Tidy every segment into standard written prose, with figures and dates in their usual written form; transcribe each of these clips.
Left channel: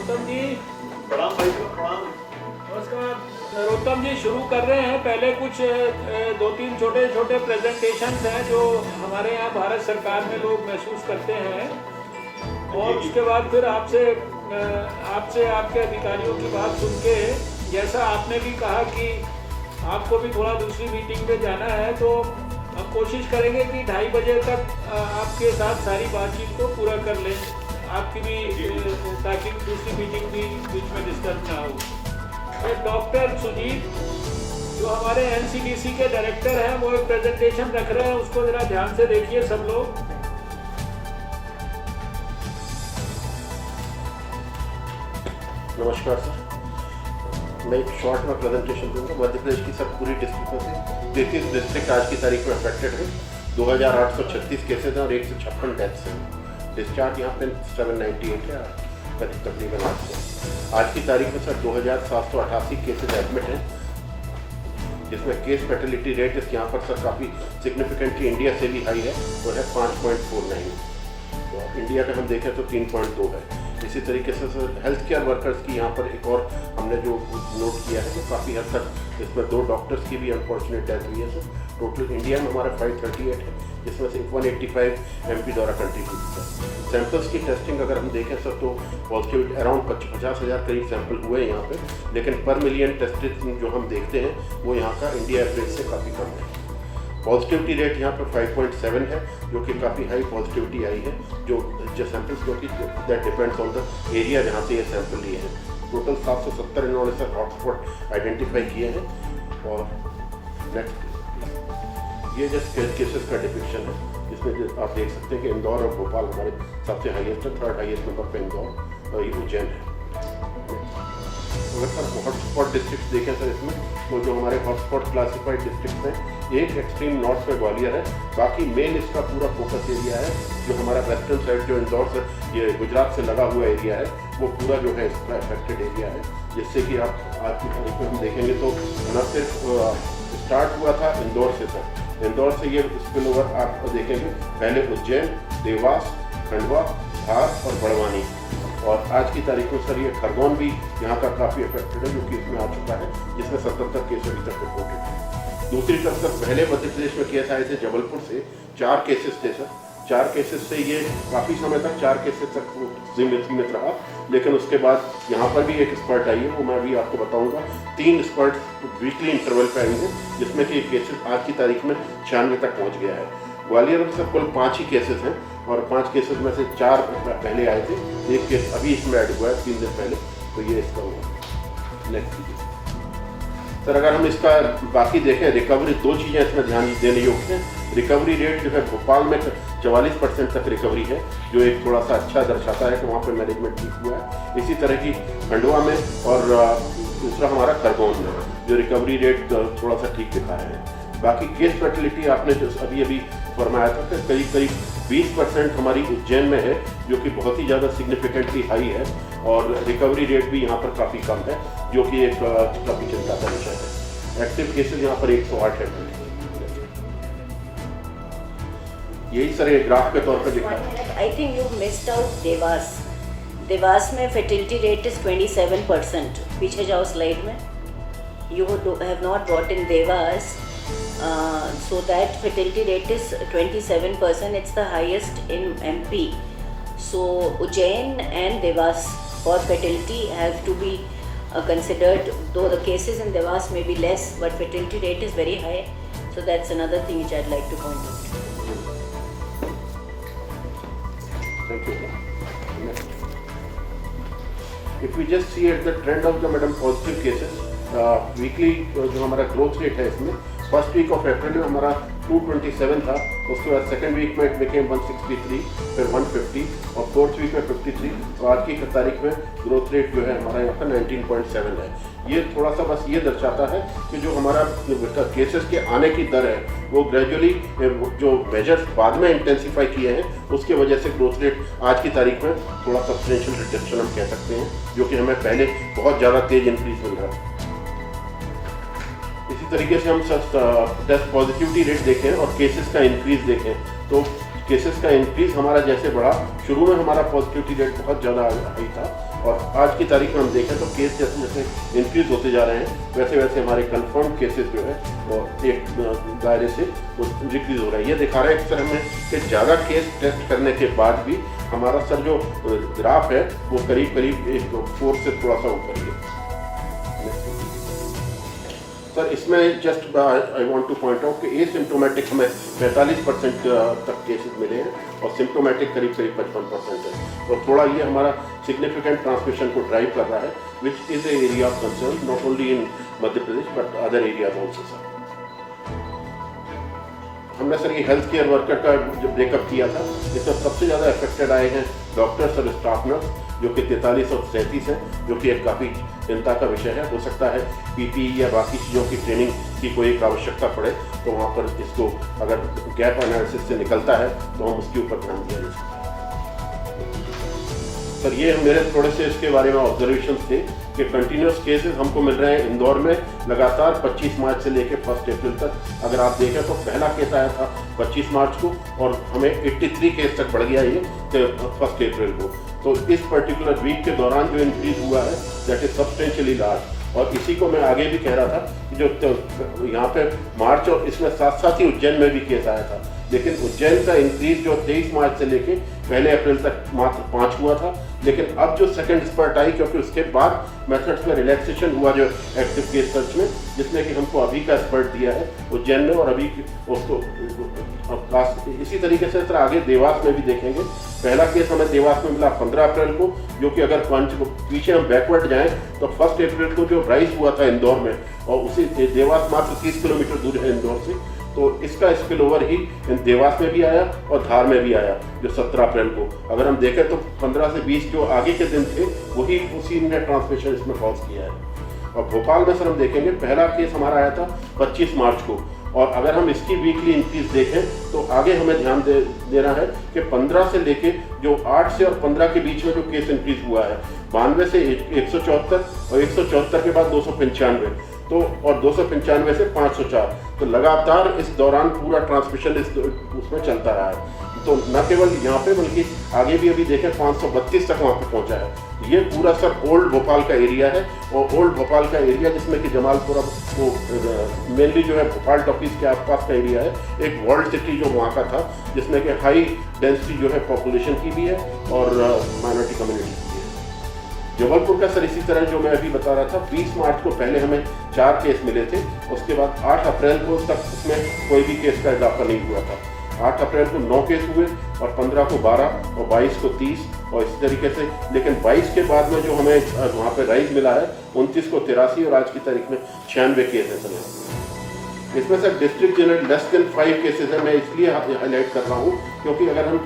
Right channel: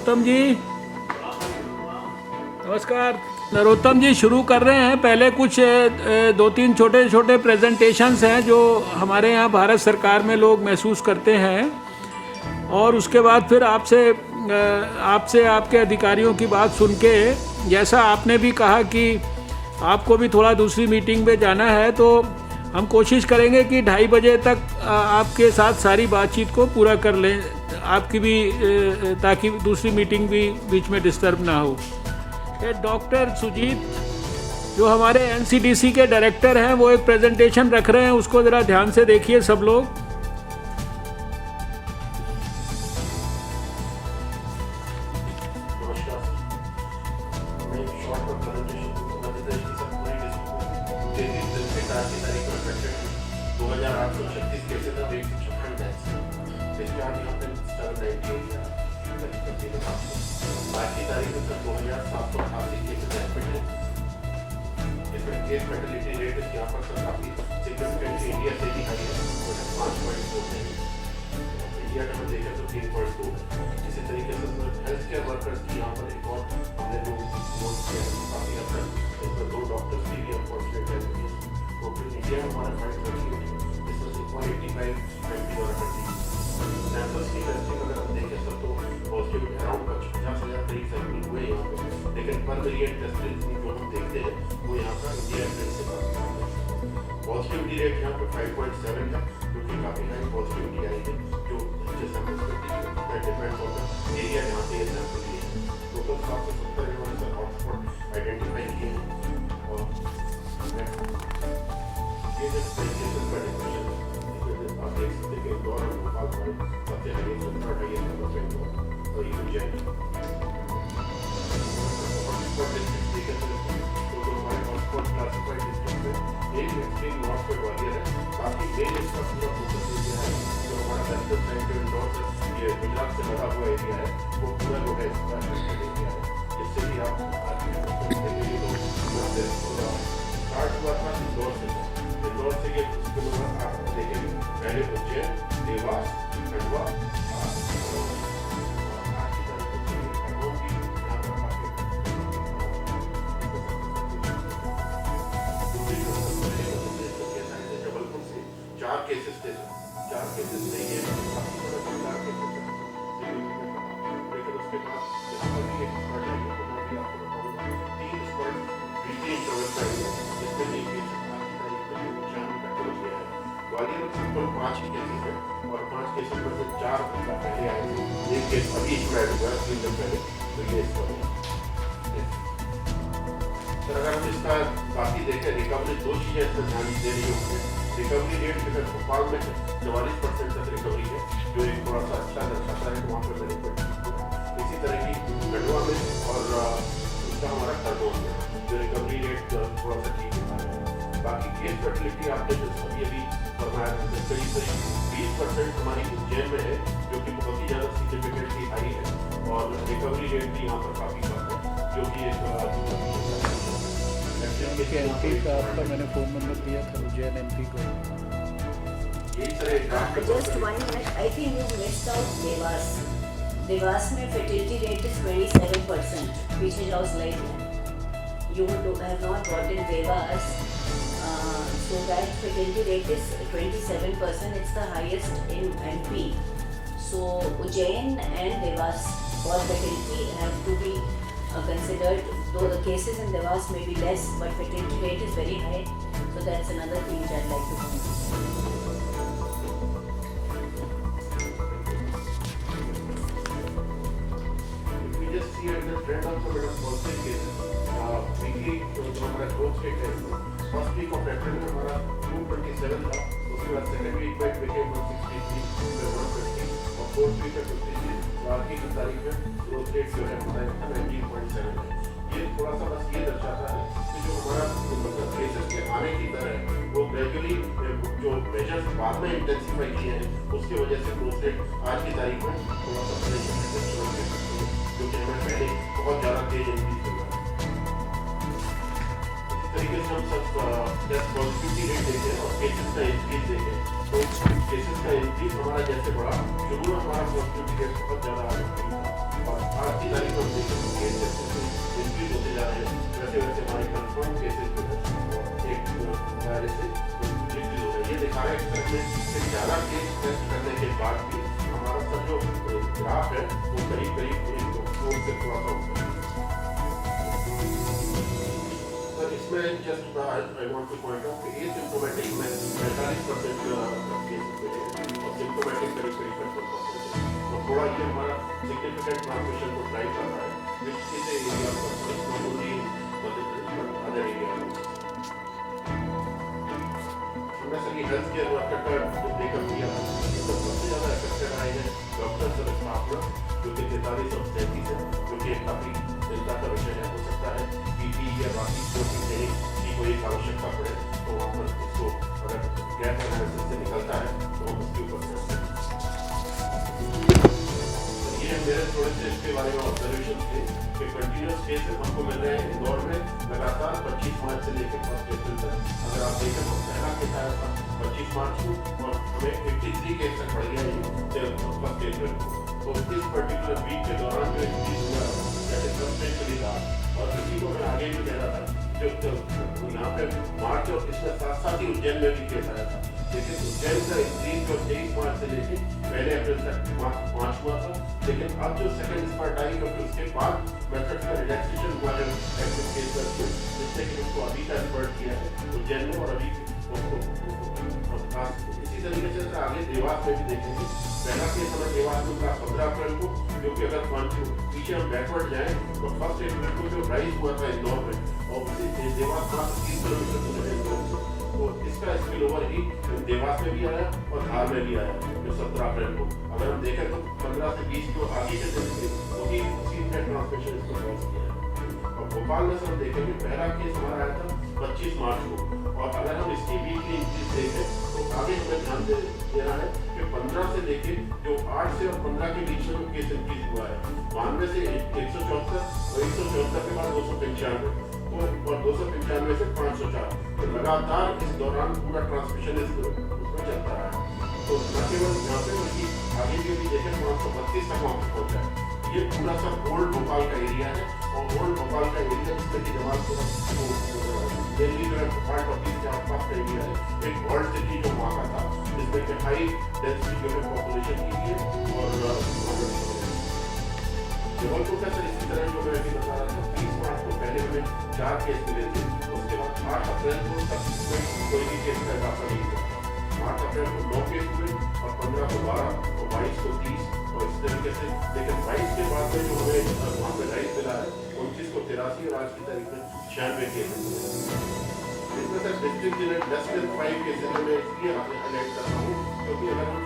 नरोत्तम जी नमस्कार। नरोत्तम जी शुरू कर रहे हैं। पहले कुछ दो तीन छोटे छोटे प्रेजेंटेशंस हैं जो हमारे यहाँ भारत सरकार में लोग महसूस करते हैं, और उसके बाद फिर आपसे आपके अधिकारियों की बात सुन के, जैसा आपने भी कहा कि आपको भी थोड़ा दूसरी मीटिंग में जाना है, तो हम कोशिश करेंगे कि 2:30 बजे तक आपके साथ सारी बातचीत को पूरा कर लें, आपकी भी, ताकि दूसरी मीटिंग भी बीच में डिस्टर्ब ना हो। डॉक्टर सुजीत जो हमारे एनसीडीसी के डायरेक्टर हैं, वो एक प्रेजेंटेशन रख रहे हैं, उसको ज़रा ध्यान से देखिए सब लोग। नमस्कार सर, मैं एक शॉर्ट में प्रेजेंटेशन दूंगा। मध्य प्रदेश की सब पूरी डिस्ट्रिक्ट में 33 डिस्ट्रिक्ट आज की तारीख में अफेक्टेड है। 2836 केसेज हैं और 156 डेथ्स हैं। डिस्चार्ज यहाँ पे 798 है तकरीबन आज की तारीख में सर 2788 केसेज एडमिट हैं, जिसमें केस फैटिलिटी रेट यहाँ पर सर काफ़ी सिग्निफिकेंटली इंडिया से भी हाई है, वो है 5.49। तो इंडिया का हम देखें तो 3.2 है। इसी तरीके से हेल्थ केयर वर्कर्स की यहाँ पर एक और हमने जो नोट किया है, तो काफ़ी हद तक इसमें 2 डॉक्टर्स की भी अनफॉर्चुनेट डेथ हुई है सर। टोटल इंडिया में हमारा 538 है, जिसमें से 185 एमपी द्वारा कंट्रीब्यूट किया। सैंपल्स की टेस्टिंग अगर हम देखें सर तो पॉजिटिव अराउंड 50,000 करीब सैंपल हुए यहाँ पे, लेकिन पर मिलियन टेस्टेड जो हम देखते हैं वो यहाँ का इंडिया एवरेज से काफ़ी कम है। पॉजिटिविटी रेट यहाँ पर 5.7 है, जो कि काफ़ी हाई पॉजिटिविटी आई है जो सैंपल्स, क्योंकि that depends on the area जहाँ पे ये सैंपल लिए हैं। टोटल 770 इन्होंने सर हॉटस्पॉट आइडेंटिफाई किए हैं। और ये जो केसेस का डिफिनेशन है, जिसमें आप देख सकते हैं कि इंदौर और भोपाल हमारे सबसे हाईएस्ट, थर्ड हाईएस्ट नंबर पे इंदौर और ये उज्जैन है। अगर सर हॉटस्पॉट डिस्ट्रिक्ट देखें तो इसमें तो जो हमारे हॉटस्पॉट क्लासिफाइड डिस्ट्रिक्ट में एक एक्सट्रीम नॉर्थ में ग्वालियर है, बाकी मेन इसका पूरा फोकस एरिया है जो हमारा वेस्टर्न साइड जो इंदौर से ये गुजरात से लगा हुआ एरिया है, वो पूरा जो है इसका अफेक्टेड एरिया है। जिससे कि आप आज की तारीख में देखेंगे तो न सिर्फ स्टार्ट हुआ था इंदौर से सर, इंदौर से ये स्पिल ओवर आप देखेंगे पहले उज्जैन, देवास, खंडवा, धार और बड़वानी, और आज की तारीख में सर ये खरगोन भी यहाँ का काफ़ी अफेक्टेड है, क्योंकि इसमें आ चुका है, जिसमें 77 केसेस तक रिपोर्टेड है। दूसरी तरफ सर पहले मध्य प्रदेश में केस आए थे जबलपुर से, 4 केसेस थे सर। 4 केसेस से ये काफ़ी समय तक 4 केसेस तक सीमित रहा, लेकिन उसके बाद यहाँ पर भी एक स्पर्ट आई है, वो मैं अभी आपको बताऊँगा। 3 स्पर्ट वीकली इंटरवल पे आएंगे, जिसमें कि केसेस आज की तारीख में 96 तक पहुँच गया है। ग्वालियर में सब कुल 5 ही केसेस हैं, और 5 केसेस में से 4 पहले आए थे, एक केस अभी इसमें ऐड हुआ है 3 दिन पहले, तो ये इसका हुआ। नेक्स्ट सर अगर हम इसका बाकी देखें, रिकवरी 2 चीज़ें इसमें ध्यान देने योग्य हैं। रिकवरी रेट जो है भोपाल में 44% तक रिकवरी है, जो एक थोड़ा सा अच्छा दर्शाता है कि वहाँ पर मैनेजमेंट ठीक हुआ है। इसी तरह की खंडवा में, और दूसरा हमारा खरगोन में जो रिकवरी रेट थोड़ा सा ठीक दिखा है। बाकी केस फर्टिलिटी आपने जो अभी फरमाया था कि करीब 20% हमारी उज्जैन में है, जो कि बहुत ही ज़्यादा सिग्निफिकेंटली हाई है, और रिकवरी रेट भी यहाँ पर काफ़ी कम है, जो कि एक काफ़ी चिंता का विषय है। एक्टिव केसेस यहाँ पर 108 है। यही सर एक ग्राफ के तौर पर दिखा है। I think you missed out Dewas. Dewas में फर्टिलिटी रेट इज 27%। पीछे जाओ स्लाइड में। You have not got in Devas, so that fertility rate is 27%. It's the highest in MP. So Ujjain and Devas for fertility have to be considered. Though the cases in Devas may be less, but fertility rate is very high. So that's another thing which I'd like to point out. Thank you. If we just see at the trend of the positive cases. Weekly जो हमारा growth rate है इसमें, first week of April में हमारा 227 था, उसके बाद second week में इट बिकेम 163, फिर 150 और फोर्थ वीक में 53, और आज की तारीख में ग्रोथ रेट जो है हमारा यहाँ का 19.7 है। ये थोड़ा सा बस ये दर्शाता है कि जो हमारा केसेस के आने की दर है वो ग्रेजुअली जो मेजर्स बाद में इंटेंसीफाई किए हैं उसके वजह से ग्रोथ रेट आज की तारीख में थोड़ा सब्सटेंशियल रिडक्शन हम कह सकते हैं, जो कि हमें पहले बहुत ज़्यादा तेज इंक्रीज मिल रहा है। तरीके से हम टेस्ट पॉजिटिविटी रेट देखें और केसेस का इंक्रीज देखें तो केसेस का इंक्रीज हमारा जैसे बढ़ा, शुरू में हमारा पॉजिटिविटी रेट बहुत ज़्यादा हाई था, और आज की तारीख में हम देखें तो केस जैसे जैसे इंक्रीज होते जा रहे हैं वैसे वैसे हमारे कंफर्म केसेस जो है और एक दायरे से डिक्रीज हो रहा है। ये दिखा रहा है एक तरह में कि ज़्यादा केस टेस्ट करने के बाद भी हमारा सर जो ग्राफ है वो करीब करीब एक 4 से थोड़ा सा ऊपर है। सर इसमें just I want two point out कि एसिम्प्टोमेटिक हमें 45% तक केसेस मिले हैं और सिम्प्टोमेटिक करीब करीब 55% है, और थोड़ा ये हमारा सिग्निफिकेंट ट्रांसमिशन को ड्राइव कर रहा है, which is a area of concern not only in Madhya Pradesh but other area also. हमने सर ये हेल्थ केयर वर्कर का जो ब्रेकअप किया था, इसमें सबसे ज़्यादा अफेक्टेड आए हैं डॉक्टर्स और स्टाफ नर्स, जो कि 43 और 37 हैं, जो कि एक काफ़ी चिंता का विषय है। हो सकता है पीपी या बाकी चीज़ों की ट्रेनिंग की कोई एक आवश्यकता पड़े तो वहाँ पर इसको अगर गैप एनालिसिस से निकलता है तो हम उसके ऊपर ध्यान देंगे। सर ये मेरे थोड़े से इसके बारे में ऑब्जर्वेशन थे कि कंटिन्यूस केसेस हमको मिल रहे हैं इंदौर में लगातार 25 मार्च से लेकर 1 अप्रैल तक। अगर आप देखें तो पहला केस आया था 25 मार्च को और हमें 83 केस तक बढ़ गया ये 1 अप्रैल को। तो इस पर्टिकुलर वीक के दौरान जो इंक्रीज हुआ है दैट इज सब्सटेंशियली लार्ज, और इसी को मैं आगे भी कह रहा था कि जो यहाँ पे मार्च और इसमें साथ साथ ही उज्जैन में भी केस आया था, लेकिन उज्जैन का इंक्रीज जो 23 मार्च से लेके 1 अप्रैल तक मात्र 5 हुआ था, लेकिन अब जो सेकंड स्पर्ट आई क्योंकि उसके बाद मेथड्स में रिलैक्सेशन हुआ जो एक्टिव केस सर्च में, जिसमें कि हमको अभी का स्पर्ट दिया है उज्जैन में, और अभी उसको इसी तरीके से सर आगे देवास में भी देखेंगे। पहला केस हमें देवास में मिला 15 अप्रैल को, जो कि अगर पीछे हम बैकवर्ड जाएं तो 1 अप्रैल को जो राइज हुआ था इंदौर में, और उसी देवास मात्र 30 किलोमीटर दूर है इंदौर से, तो इसका स्पिल ओवर ही देवास में भी आया और धार में भी आया जो 17 अप्रैल को। अगर हम देखें तो 15 से 20 जो आगे के दिन थे वही उसी ने ट्रांसमिशन इसमें कॉज किया है। और भोपाल में सर हम देखेंगे पहला केस हमारा आया था 25 मार्च को, और अगर हम इसकी वीकली इंक्रीज देखें तो आगे हमें ध्यान देना है कि 15 से लेके जो 8 से और 15 के बीच में जो केस इंक्रीज हुआ है 92 से 174 और 174 के बाद 295 तो और 295 से 504, तो लगातार इस दौरान पूरा ट्रांसमिशन उसमें चलता रहा है। तो न केवल यहाँ पे बल्कि आगे भी अभी देखें 532 तक वहाँ पे पहुँचा है। ये पूरा सर ओल्ड भोपाल का एरिया है, और ओल्ड भोपाल का एरिया जिसमें कि जमालपुरा तो मेनली जो है भोपाल टॉकीज के आसपास का एरिया है, एक वर्ल्ड सिटी जो वहाँ का था जिसमें कि हाई डेंसिटी जो है पॉपुलेशन की भी है और माइनॉरिटी कम्युनिटी की है। जबलपुर का सर इसी तरह जो मैं अभी बता रहा था 20 मार्च को पहले हमें 4 केस मिले थे, उसके बाद 8 अप्रैल को तक उसमें कोई भी केस का इजाफा नहीं हुआ था। 8 अप्रैल को 9 केस हुए और 15 को 12 और 22 को 30 और इस तरीके से, लेकिन 22 के बाद में जो हमें वहाँ पे राइज मिला है 29 को 83 और आज की तारीख में 96 केस हैं। इसमें sir district general less than 5 cases है। मैं इसलिए हाईलाइट कर रहा हूँ क्योंकि अगर हम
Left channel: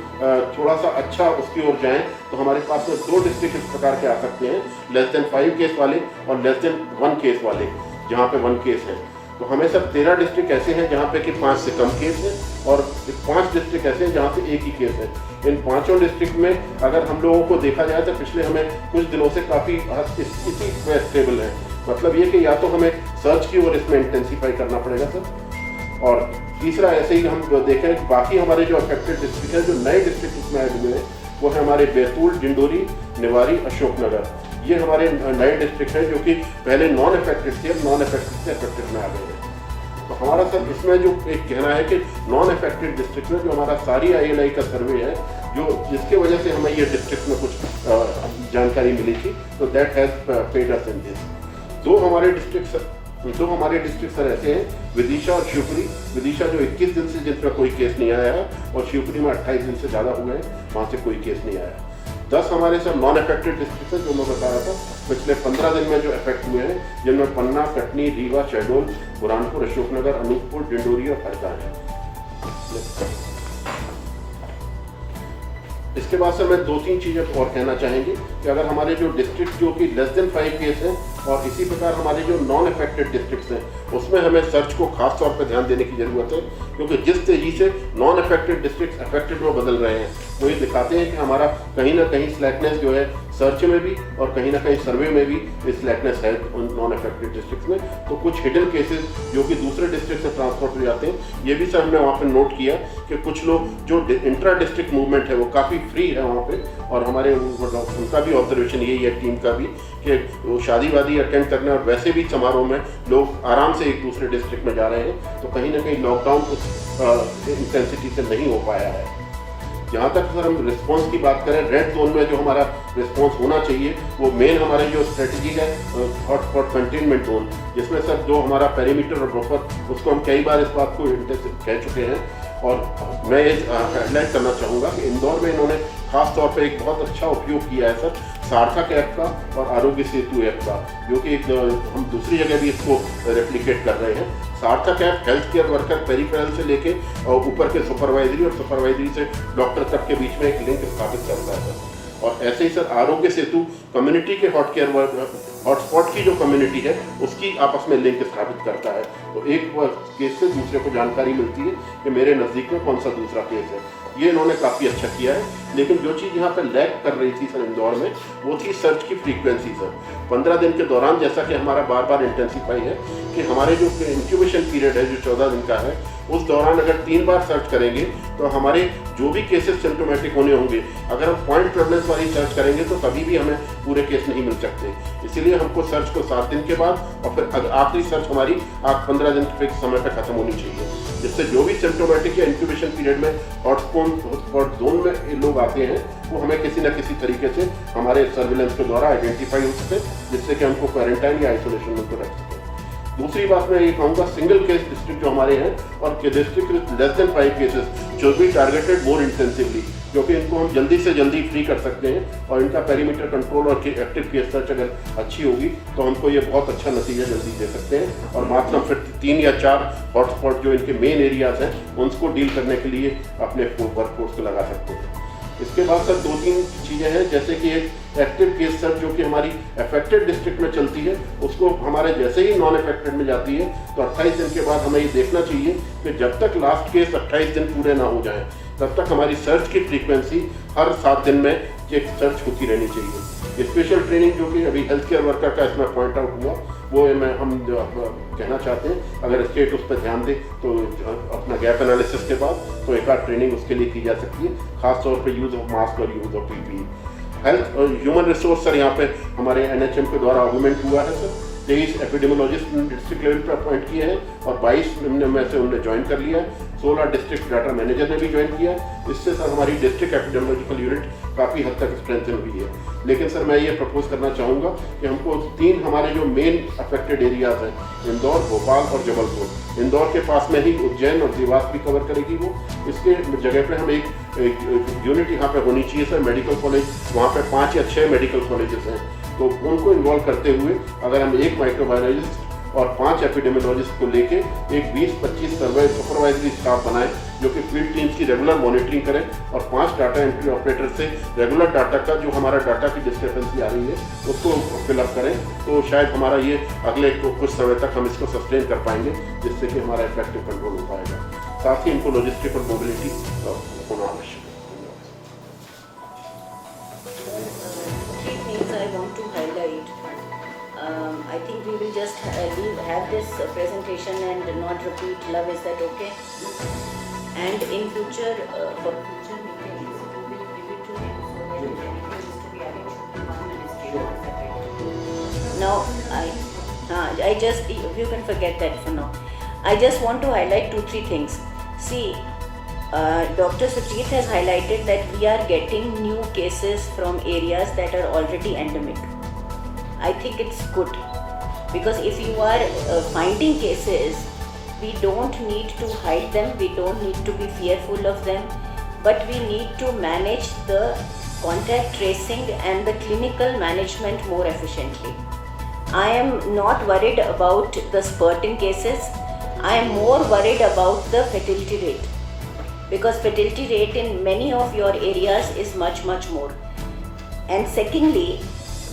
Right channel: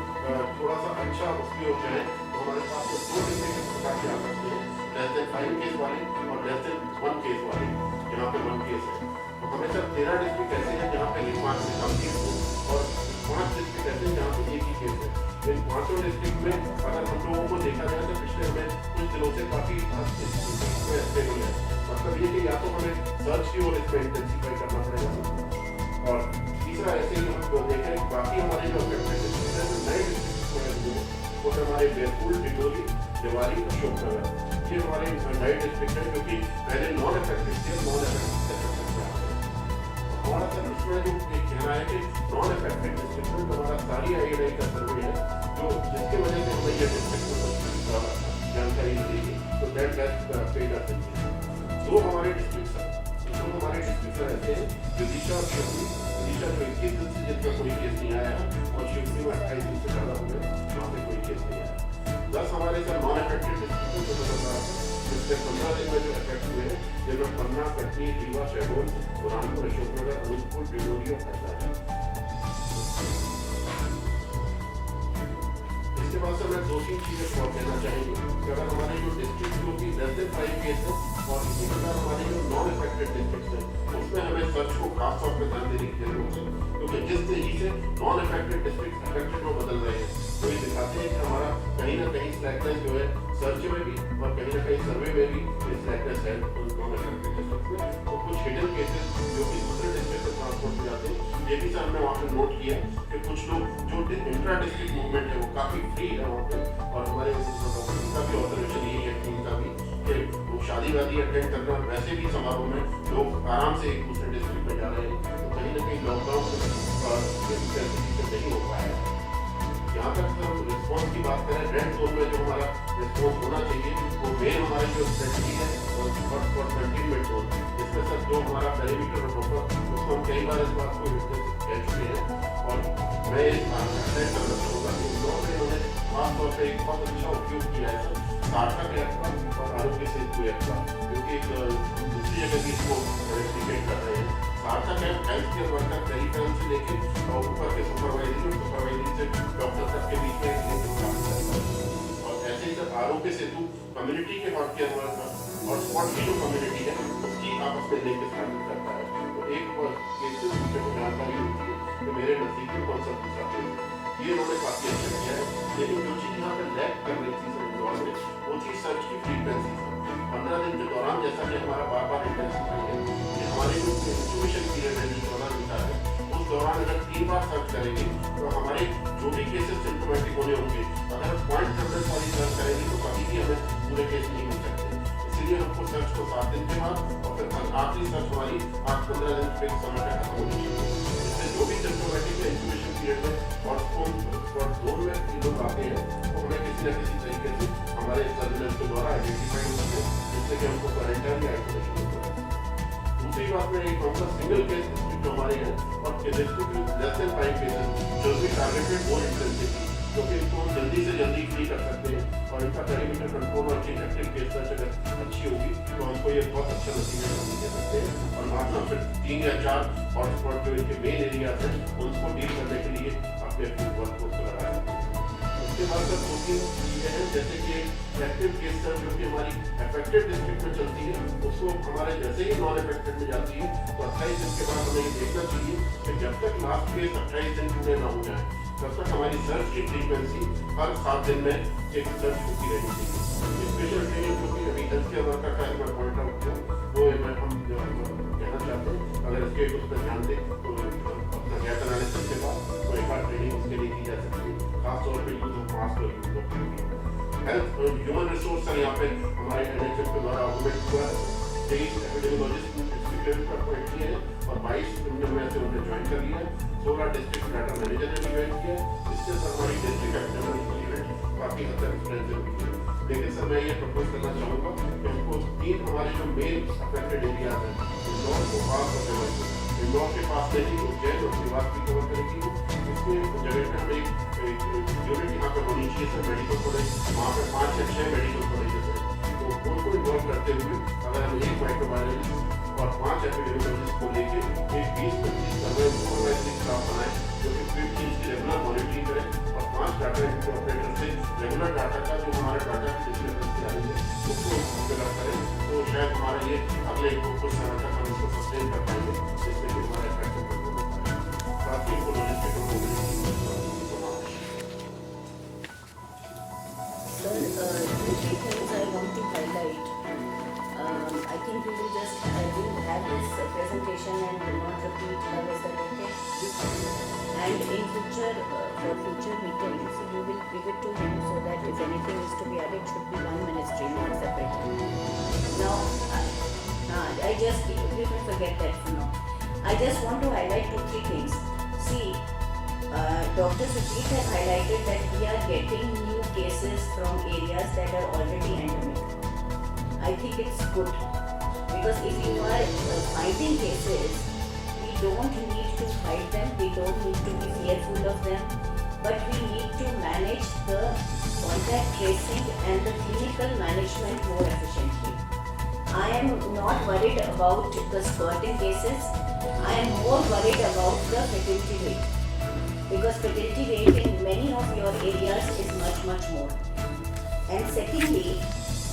थोड़ा सा अच्छा उसकी ओर जाएँ तो हमारे पास में 2 डिस्ट्रिक्ट इस प्रकार के आ सकते हैं, लेस देन 5 केस वाले और लेस देन 1 केस वाले, जहाँ पे 1 केस है। तो हमें सब 13 डिस्ट्रिक्ट ऐसे हैं जहाँ पे कि 5 से कम केस हैं, और 5 डिस्ट्रिक्ट ऐसे हैं जहाँ पे 1 ही केस है। इन 5 डिस्ट्रिक्ट में अगर हम लोगों को देखा जाए तो पिछले हमें कुछ दिनों से काफ़ी इसी में स्टेबल है। मतलब ये कि या तो हमें सर्च की ओर इसमें इंटेंसीफाई करना पड़ेगा सर, और तीसरा ऐसे ही हम देखें कि बाकी हमारे जो अफेक्टेड डिस्ट्रिक्ट है, जो नए डिस्ट्रिक्ट इसमें आए हुए हैं वो है हमारे बैतूल, डिंडोरी, निवाड़ी, अशोकनगर। ये हमारे नए डिस्ट्रिक्ट हैं जो कि पहले नॉन अफेक्टेड थे, अब नॉन अफेक्टेड से अफेक्टेड में आ गए हैं। तो हमारा सर इसमें जो एक कहना है कि नॉन अफेक्टेड डिस्ट्रिक्ट में जो हमारा सारी ILI का सर्वे है, जो जिसके वजह से हमें ये डिस्ट्रिक्ट में कुछ जानकारी मिली थी, तो that has paid us in this. दो हमारे डिस्ट्रिक्ट सर ऐसे हैं, विदिशा और शिवपुरी। विदिशा जो 21 दिन से जिसमें कोई केस नहीं आया है, और शिवपुरी में 28 दिन से ज़्यादा हुए हैं, वहाँ से कोई केस नहीं आया। 10 हमारे सर नॉन अफेक्टेड डिस्ट्रिक्ट हैं जो मैं बता रहा था पिछले 15 दिन में जो इफेक्ट हुए हैं, जिनमें पन्ना, कटनी, रीवा, शहडोल, बुरहानपुर, अशोकनगर, अनूपपुर, डिंडोरी और हरदा है। इसके बाद सर मैं 2-3 चीज़ें और कहना चाहेंगे कि अगर हमारे जो डिस्ट्रिक्ट जो कि लेस देन 5 केस हैं, और इसी प्रकार हमारे जो नॉन अफेक्टेड डिस्ट्रिक्ट्स हैं, उसमें हमें सर्च को खास तौर पर ध्यान देने की जरूरत है, क्योंकि जिस तेजी से नॉन अफेक्टेड डिस्ट्रिक्ट अफेक्टेड में बदल रहे हैं वो ये दिखाते हैं कि हमारा कहीं ना कहीं स्लैकनेस जो है सर्च में भी और कहीं ना कहीं सर्वे में भी इस लैकनेस है उन नॉन अफेक्टेड डिस्ट्रिक्ट में। तो कुछ हिडन केसेस जो कि दूसरे डिस्ट्रिक्ट से ट्रांसपोर्ट हो जाते हैं, ये भी सर हमने वहाँ पे नोट किया कि कुछ लोग जो इंट्रा डिस्ट्रिक्ट मूवमेंट है वो काफ़ी फ्री है वहाँ पे, और हमारे उनका भी ऑब्जर्वेशन यही है टीम का भी कि वो शादी वादी अटेंड करने और वैसे भी समारोह में लोग आराम से एक दूसरे डिस्ट्रिक्ट में जा रहे हैं। तो कहीं ना कहीं लॉकडाउन कुछ इंटेंसिटी से नहीं हो पाया है। जहाँ तक सर हम रिस्पॉन्स की बात करें, रेड जोन में जो हमारा रिस्पॉन्स होना चाहिए वो मेन हमारी जो स्ट्रेटजी है हॉटस्पॉट कंटेनमेंट जोन, जिसमें सर जो हमारा पेरीमीटर और बफर उसको हम कई बार इस बात को कह चुके हैं। और मैं ये हाईलाइट करना चाहूँगा कि इंदौर में इन्होंने खास तौर पे एक बहुत अच्छा उपयोग किया है सर सार्थक ऐप का और आरोग्य सेतु ऐप का, जो कि हम दूसरी जगह भी इसको रेप्लिकेट कर रहे हैं। सार्थक app health care worker peripheral से लेके और ऊपर के सुपरवाइजरी और सुपरवाइजरी से डॉक्टर तक के बीच में एक लिंक स्थापित करता है सर। और ऐसे ही सर आरोग्य सेतु कम्युनिटी के हॉटस्पॉट की जो कम्युनिटी है उसकी आपस में लिंक स्थापित करता है। तो एक केस से दूसरे को जानकारी मिलती है कि मेरे नज़दीक में कौन सा दूसरा केस है। ये इन्होंने काफ़ी अच्छा किया है। लेकिन जो चीज़ यहाँ पर लैक कर रही थी सर इंदौर में, वो थी सर्च की फ्रीक्वेंसी सर। 15 दिन के दौरान जैसा कि हमारा बार बार इंटेंसिफाई है कि हमारे जो इंक्यूबेशन पीरियड है जो 14 दिन का है, उस दौरान अगर 3 बार सर्च करेंगे तो हमारे जो भी केसेस सिम्टोमेटिक होने होंगे, अगर हम पॉइंट प्रेवलेंस वाली सर्च करेंगे तो कभी भी हमें पूरे केस नहीं मिल सकते। इसीलिए हमको सर्च को 7 दिन के बाद और फिर आखिरी सर्च हमारी 15 दिन के समय पर खत्म होनी चाहिए, जिससे जो भी सिम्टोमेटिक या इंक्यूबेशन पीरियड में हॉटस्पॉट जोन में लोग आते हैं वो हमें किसी न किसी तरीके से हमारे सर्विलेंस के द्वारा आइडेंटिफाई हो सके, जिससे कि हमको क्वारंटाइन या आइसोलेशन में तो रख सकें। दूसरी बात मैं ये कहूँगा, सिंगल केस डिस्ट्रिक्ट जो हमारे हैं और district with less than 5 cases जो भी टारगेटेड मोर इंटेंसिवली, क्योंकि इनको हम जल्दी से जल्दी फ्री कर सकते हैं और इनका पेरीमीटर कंट्रोल और एक्टिव केस सर्च अगर अच्छी होगी तो हमको ये बहुत अच्छा नतीजा जल्दी दे सकते हैं। और मात्र हम फिर 3 या 4 हॉटस्पॉट जो इनके मेन एरियाज हैं उनको डील करने के लिए अपने वर्कफोर्स को लगा सकते हैं। इसके बाद सर 2-3 चीज़ें हैं, जैसे कि एक एक्टिव केस सर्च जो कि हमारी अफेक्टेड डिस्ट्रिक्ट में चलती है, उसको हमारे जैसे ही नॉन अफेक्टेड में जाती है तो 28 दिन के बाद हमें ये देखना चाहिए कि जब तक लास्ट केस 28 दिन पूरे ना हो जाएं तब तक हमारी सर्च की फ्रीक्वेंसी हर 7 दिन में एक सर्च होती रहनी चाहिए। स्पेशल ट्रेनिंग जो कि अभी हेल्थ केयर वर्कर का इसमें पॉइंट आउट हुआ, वो हम जो कहना चाहते हैं, अगर स्टेट उस पर ध्यान दे तो अपना गैप एनालिसिस के बाद तो एक बार ट्रेनिंग उसके लिए की जा सकती है, खासतौर पर यूज़ ऑफ मास्क और use of PPE। Health human resource sir यहाँ पे हमारे NHM के द्वारा ऑगमेंट हुआ है सर। 23 एपिडेमोलॉजिस्ट डिस्ट्रिक्ट लेवल पर अपॉइंट किए हैं और 22 में से उन्होंने ज्वाइन कर लिया है। 16 डिस्ट्रिक्ट डाटा मैनेजर ने भी ज्वाइन किया है। इससे सर हमारी डिस्ट्रिक्ट एपिडेमोलॉजिकल यूनिट काफ़ी हद तक स्ट्रेंथन हुई है। लेकिन सर मैं ये प्रपोज करना चाहूँगा कि हमको 3 हमारे जो मेन अफेक्टेड एरियाज हैं, इंदौर, भोपाल और जबलपुर, इंदौर के पास में ही उज्जैन और देवास भी कवर करेगी वो। इसके जगह पे हम एक यूनिट यहाँ पे होनी चाहिए सर, मेडिकल कॉलेज, वहाँ पे 5 या 6 मेडिकल कॉलेजेस हैं, तो उनको इन्वॉल्व करते हुए अगर हम 1 माइक्रोबायोलॉजिस्ट और 5 एपिडेमियोलॉजिस्ट को लेके एक 20-25 सर्वे सुपरवाइजरी स्टाफ बनाए जो कि फील्ड टीम्स की रेगुलर मॉनिटरिंग करें और 5 डाटा एंट्री ऑपरेटर से रेगुलर डाटा का जो हमारा डाटा की डिस्क्रिपेंसी आ रही है उसको फिलअप करें, तो शायद हमारा ये अगले कुछ समय तक हम इसको सस्टेन कर पाएंगे, जिससे कि हमारा इफेक्टिव कंट्रोल हो पाएगा। साथ ही इनको लॉजिस्टिक और मोबिलिटी होना आवश्यक। I think we will just have this presentation and not repeat. Love, is that okay? And in future, for future meetings, we will do it so that if anything is to be added, should be one ministry, not separate. Now, I just, you can forget that for now. I just want to highlight 2-3 things. See, Dr. Sujit has highlighted that we are getting new cases from areas that are already endemic. I think it's good because if you are finding cases, we don't need to hide them, we don't need to be fearful of them, but we need to manage the contact tracing and the clinical management more efficiently. I am not worried about the spurting cases, I am more worried about the fertility rate, because fertility rate in many of your areas is much more. And secondly,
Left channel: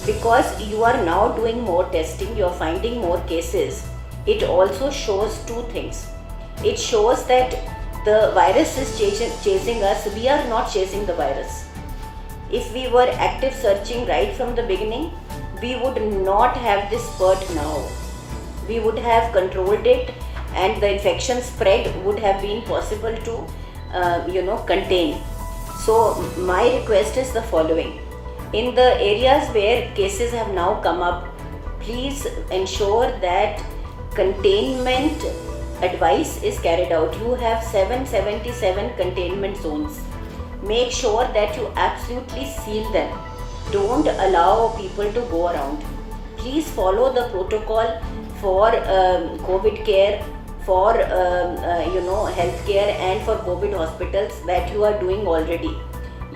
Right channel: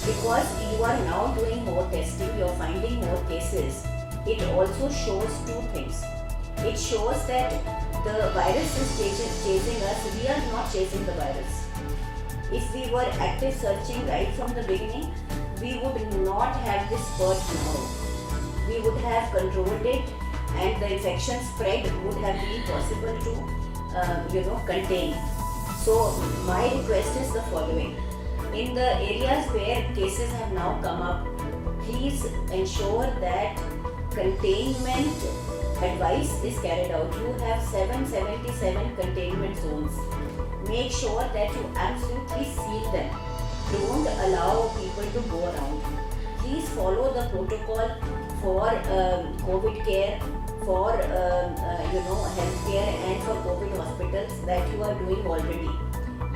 because you are now doing more testing, you are finding more cases, it also shows 2 things. It shows that the virus is chasing us, we are not chasing the virus. if we were active searching right from the beginning, we would not have this spurt now. We would have controlled it, and the infection spread would have been possible to contain. So my request is the following: in the areas where cases have now come up, please ensure that containment advice is carried out. You have 777 containment zones. Make sure that you absolutely seal them. Don't allow people to go around. Please follow the protocol for COVID care, for healthcare, and for COVID hospitals that you are doing already.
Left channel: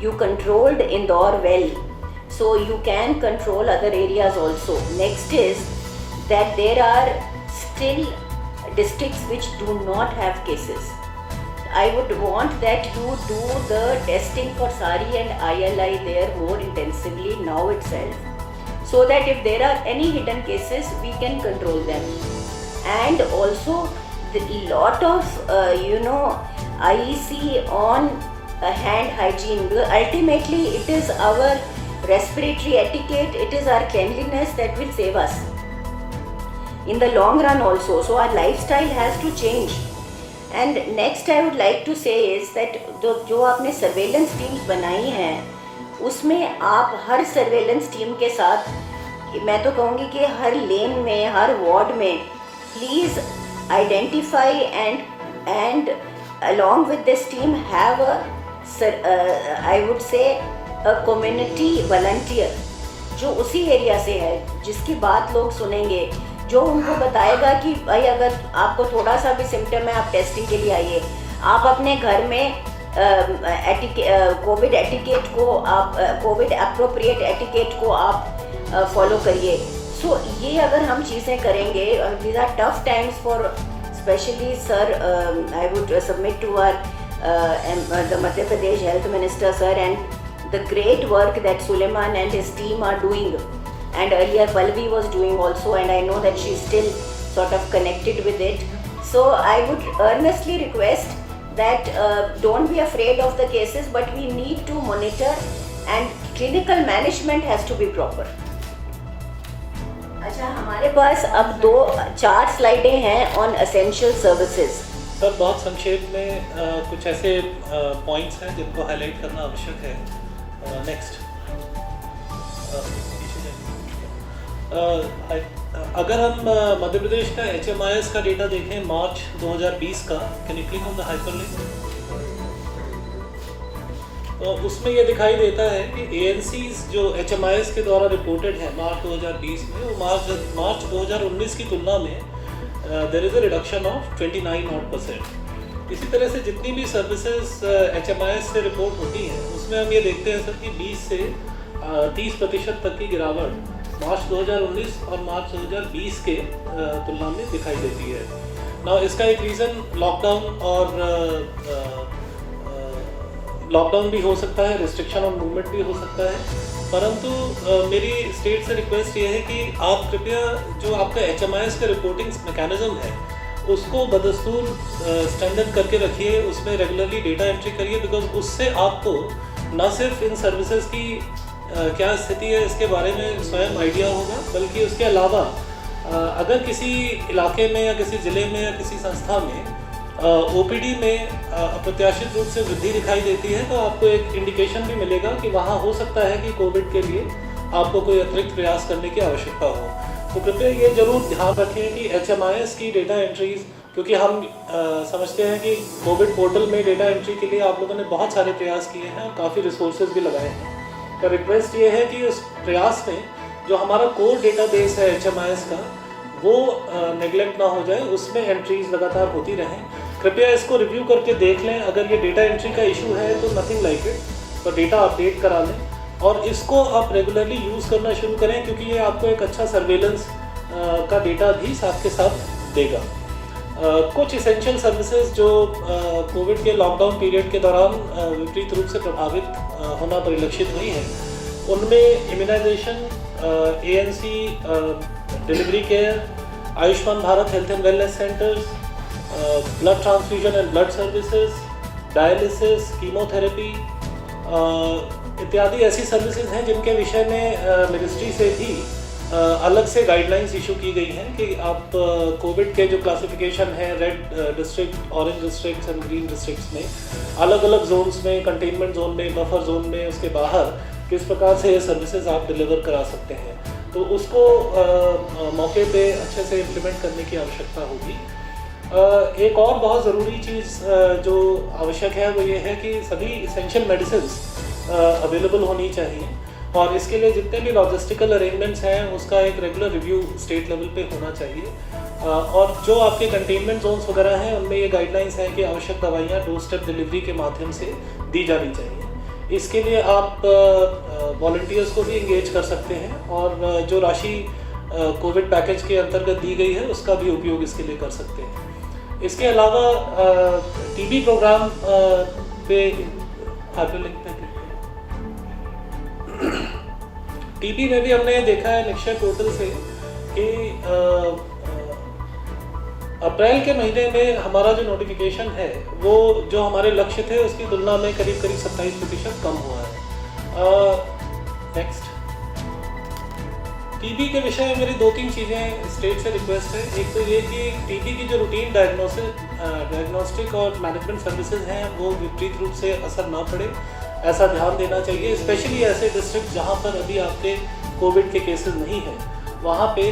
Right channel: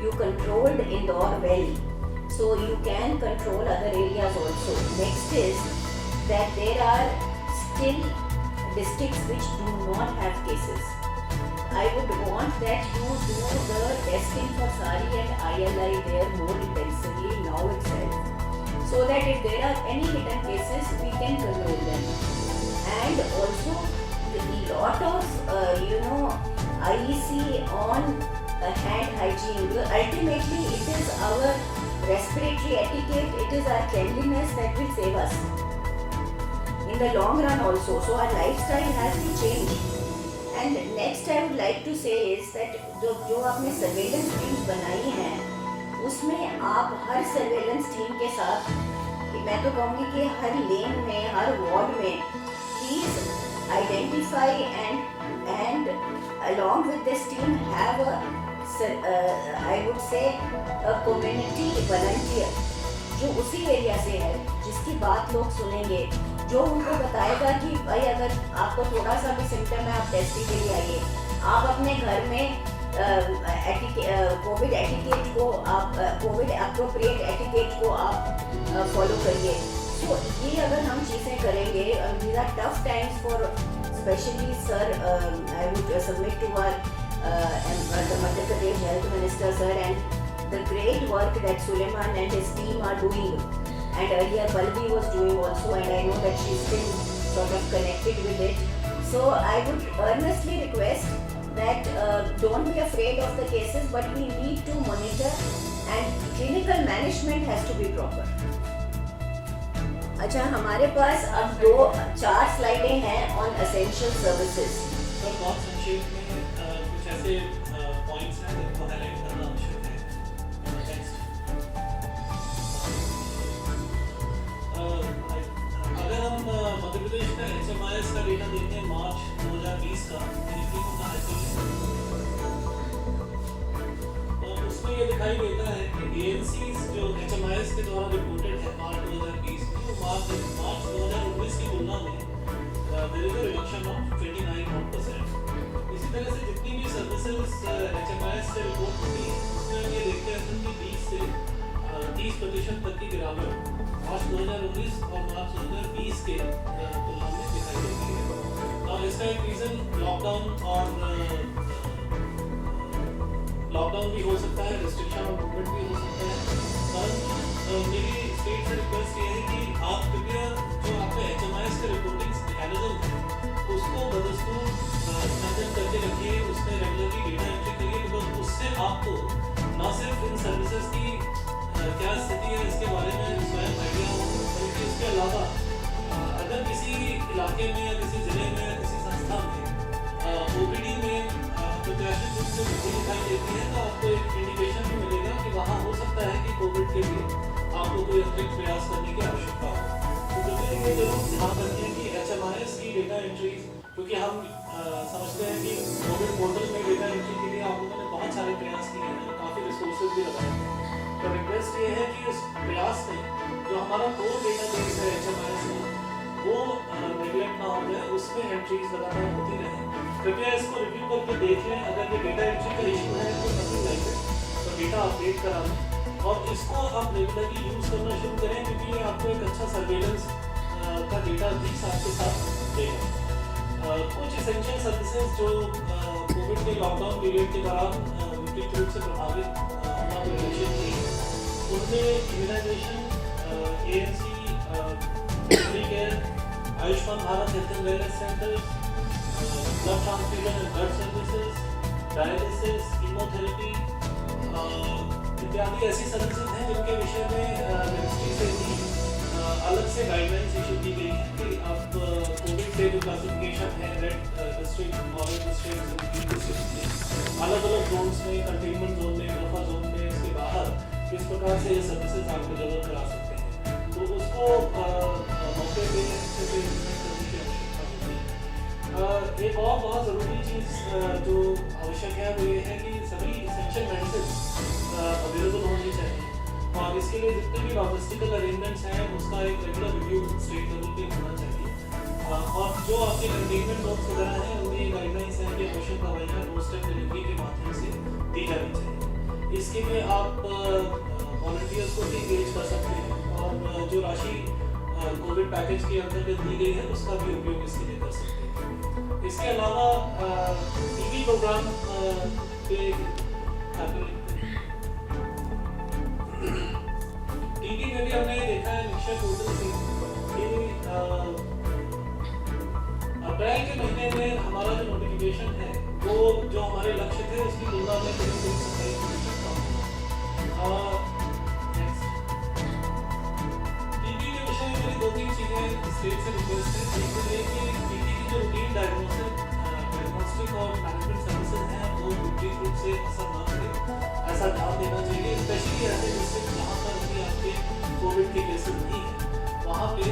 You controlled Indore well, so you can control other areas also. Next is that there are still districts which do not have cases. I would want that you do the testing for SARI and ILI there more intensively now itself, so that if there are any hidden cases, we can control them. And also the lot of IEC on hand hygiene. Ultimately it is our respiratory etiquette, it is our cleanliness that will save us in the long run also. So our lifestyle has to change. And next I would like to say is that जो आपने surveillance teams बनाई हैं, उसमें आप हर surveillance team के साथ, मैं तो कहूँगी कि हर लेन में, हर वार्ड में please identify and along with this team have I would say a community volunteer जो उसी एरिया से है, जिसकी बात लोग सुनेंगे, जो उनको बताएगा कि भाई अगर आपको थोड़ा सा भी सिम्टम है, आप टेस्टिंग के लिए आइए। आप अपने घर में कोविड एटिकेट को, आप कोविड एप्रोप्रिएट एटिकेट को आप फॉलो करिए। सो ये अगर हम चीज़ें करेंगे, these are tough times for specially sir, I would submit to the Madhya Pradesh health minister sir and the great work that Suleiman and his team are doing, and earlier Pallavi was doing also, and I know that she's still sort of connected with it. So I would earnestly request that don't be afraid of the cases, but we need to monitor and clinical management has to be proper. अच्छा, हमारे पास अब 4 स्लाइडें हैं on essential services. Sir बहुत संक्षेप में कुछ ऐसे points हैं जिनको हाईलाइट करना आवश्यक है। नेक्स्ट, अगर हम मध्य प्रदेश का HMIS का डेटा देखें मार्च 2020 का, can you click on the hyperlink? तो उसमें ये दिखाई देता है कि ANCs जो HMIS के द्वारा रिपोर्टेड है मार्च 2020 में, वो मार्च 2019 की तुलना में there is a reduction of 29%। इसी तरह से जितनी भी सर्विसेज HMIS से रिपोर्ट होती हैं, उसमें हम ये देखते हैं सर कि 20 से 30% तक की गिरावट मार्च 2019 और मार्च 2020 के तुलना में दिखाई देती है। ना इसका एक रीज़न लॉकडाउन भी हो सकता है, रिस्ट्रिक्शन ऑन मूवमेंट भी हो सकता है, परंतु मेरी स्टेट से रिक्वेस्ट ये है कि आप कृपया जो आपका HMIS का रिपोर्टिंग मैकेनिज्म है उसको बदस्तूर स्टैंडर्ड करके रखिए, उसमें रेगुलरली डेटा एंट्री करिए, बिकॉज उससे आपको न सिर्फ इन सर्विसेज की क्या स्थिति है इसके बारे में स्वयं आइडिया होगा, बल्कि उसके अलावा अगर किसी इलाके में या किसी ज़िले में या किसी संस्था में OPD में अप्रत्याशित रूप से वृद्धि दिखाई देती है, तो आपको एक इंडिकेशन भी मिलेगा कि वहाँ हो सकता है कि कोविड के लिए आपको कोई अतिरिक्त प्रयास करने की आवश्यकता हो। तो कृपया ये जरूर ध्यान रखें कि HMIS की डेटा एंट्रीज, क्योंकि हम समझते हैं कि कोविड पोर्टल में डेटा एंट्री के लिए आप लोगों ने बहुत सारे प्रयास किए हैं, काफ़ी रिसोर्सेज भी लगाए हैं। तो रिक्वेस्ट ये है कि उस प्रयास में जो हमारा कोर डेटाबेस है HMIS का, वो नेगलेक्ट ना हो जाए, उसमें एंट्रीज लगातार होती रहें। कृपया इसको रिव्यू करके देख लें, अगर ये डेटा एंट्री का इशू है तो नथिंग लाइक इट, तो डेटा अपडेट करा लें और इसको आप रेगुलरली यूज़ करना शुरू करें, क्योंकि ये आपको एक अच्छा सर्वेलेंस का डेटा भी साथ के साथ देगा। कुछ इसेंशियल सर्विसेज जो कोविड के लॉकडाउन पीरियड के दौरान विपरीत रूप से प्रभावित होना परिलक्षित हुई है, उनमें immunisation, ANC, delivery care, Ayushman Bharat health and wellness centres, blood transfusion and blood services, dialysis, chemotherapy, इत्यादि ऐसी सर्विसेज हैं जिनके विषय में मिनिस्ट्री से भी अलग से गाइडलाइंस इशू की गई हैं कि आप कोविड के जो क्लासिफिकेशन है red district, orange district and green districts में, अलग अलग जोन्स में, कंटेनमेंट जोन में, बफर जोन में, उसके बाहर किस प्रकार से ये सर्विसेज आप डिलीवर करा सकते हैं, तो उसको मौके पे अच्छे से इम्प्लीमेंट करने की आवश्यकता होगी। एक और बहुत ज़रूरी चीज़ जो आवश्यक है वो ये है कि सभी इसेंशियल मेडिसिन अवेलेबल होनी चाहिए, और इसके लिए जितने भी लॉजिस्टिकल अरेंजमेंट्स हैं उसका एक रेगुलर रिव्यू स्टेट लेवल पे होना चाहिए। और जो आपके कंटेनमेंट जोन्स वगैरह हैं उनमें ये गाइडलाइंस हैं कि आवश्यक दवाइयाँ डोर स्टेप डिलीवरी के माध्यम से दी जानी चाहिए। इसके लिए आप वॉलंटियर्स को भी इंगेज कर सकते हैं, और जो राशि कोविड पैकेज के अंतर्गत दी गई है उसका भी उपयोग इसके लिए कर सकते हैं। इसके अलावा टीबी प्रोग्राम पे हाइपरलिंक पे टीबी में भी हमने देखा है निक्षय पोर्टल से कि अप्रैल के महीने में हमारा जो नोटिफिकेशन है वो जो हमारे लक्ष्य थे उसकी तुलना में करीब 27% कम हुआ है। नेक्स्ट, टीबी के विषय में मेरी 2-3 चीज़ें स्टेट से रिक्वेस्ट है। एक तो ये कि टीबी की जो रूटीन डायग्नोस्टिक और मैनेजमेंट सर्विसेज हैं वो विपरीत रूप से असर ना पड़े, ऐसा ध्यान देना चाहिए। स्पेशली ऐसे डिस्ट्रिक्ट जहाँ पर अभी आपके कोविड के केसेस नहीं हैं, वहाँ पे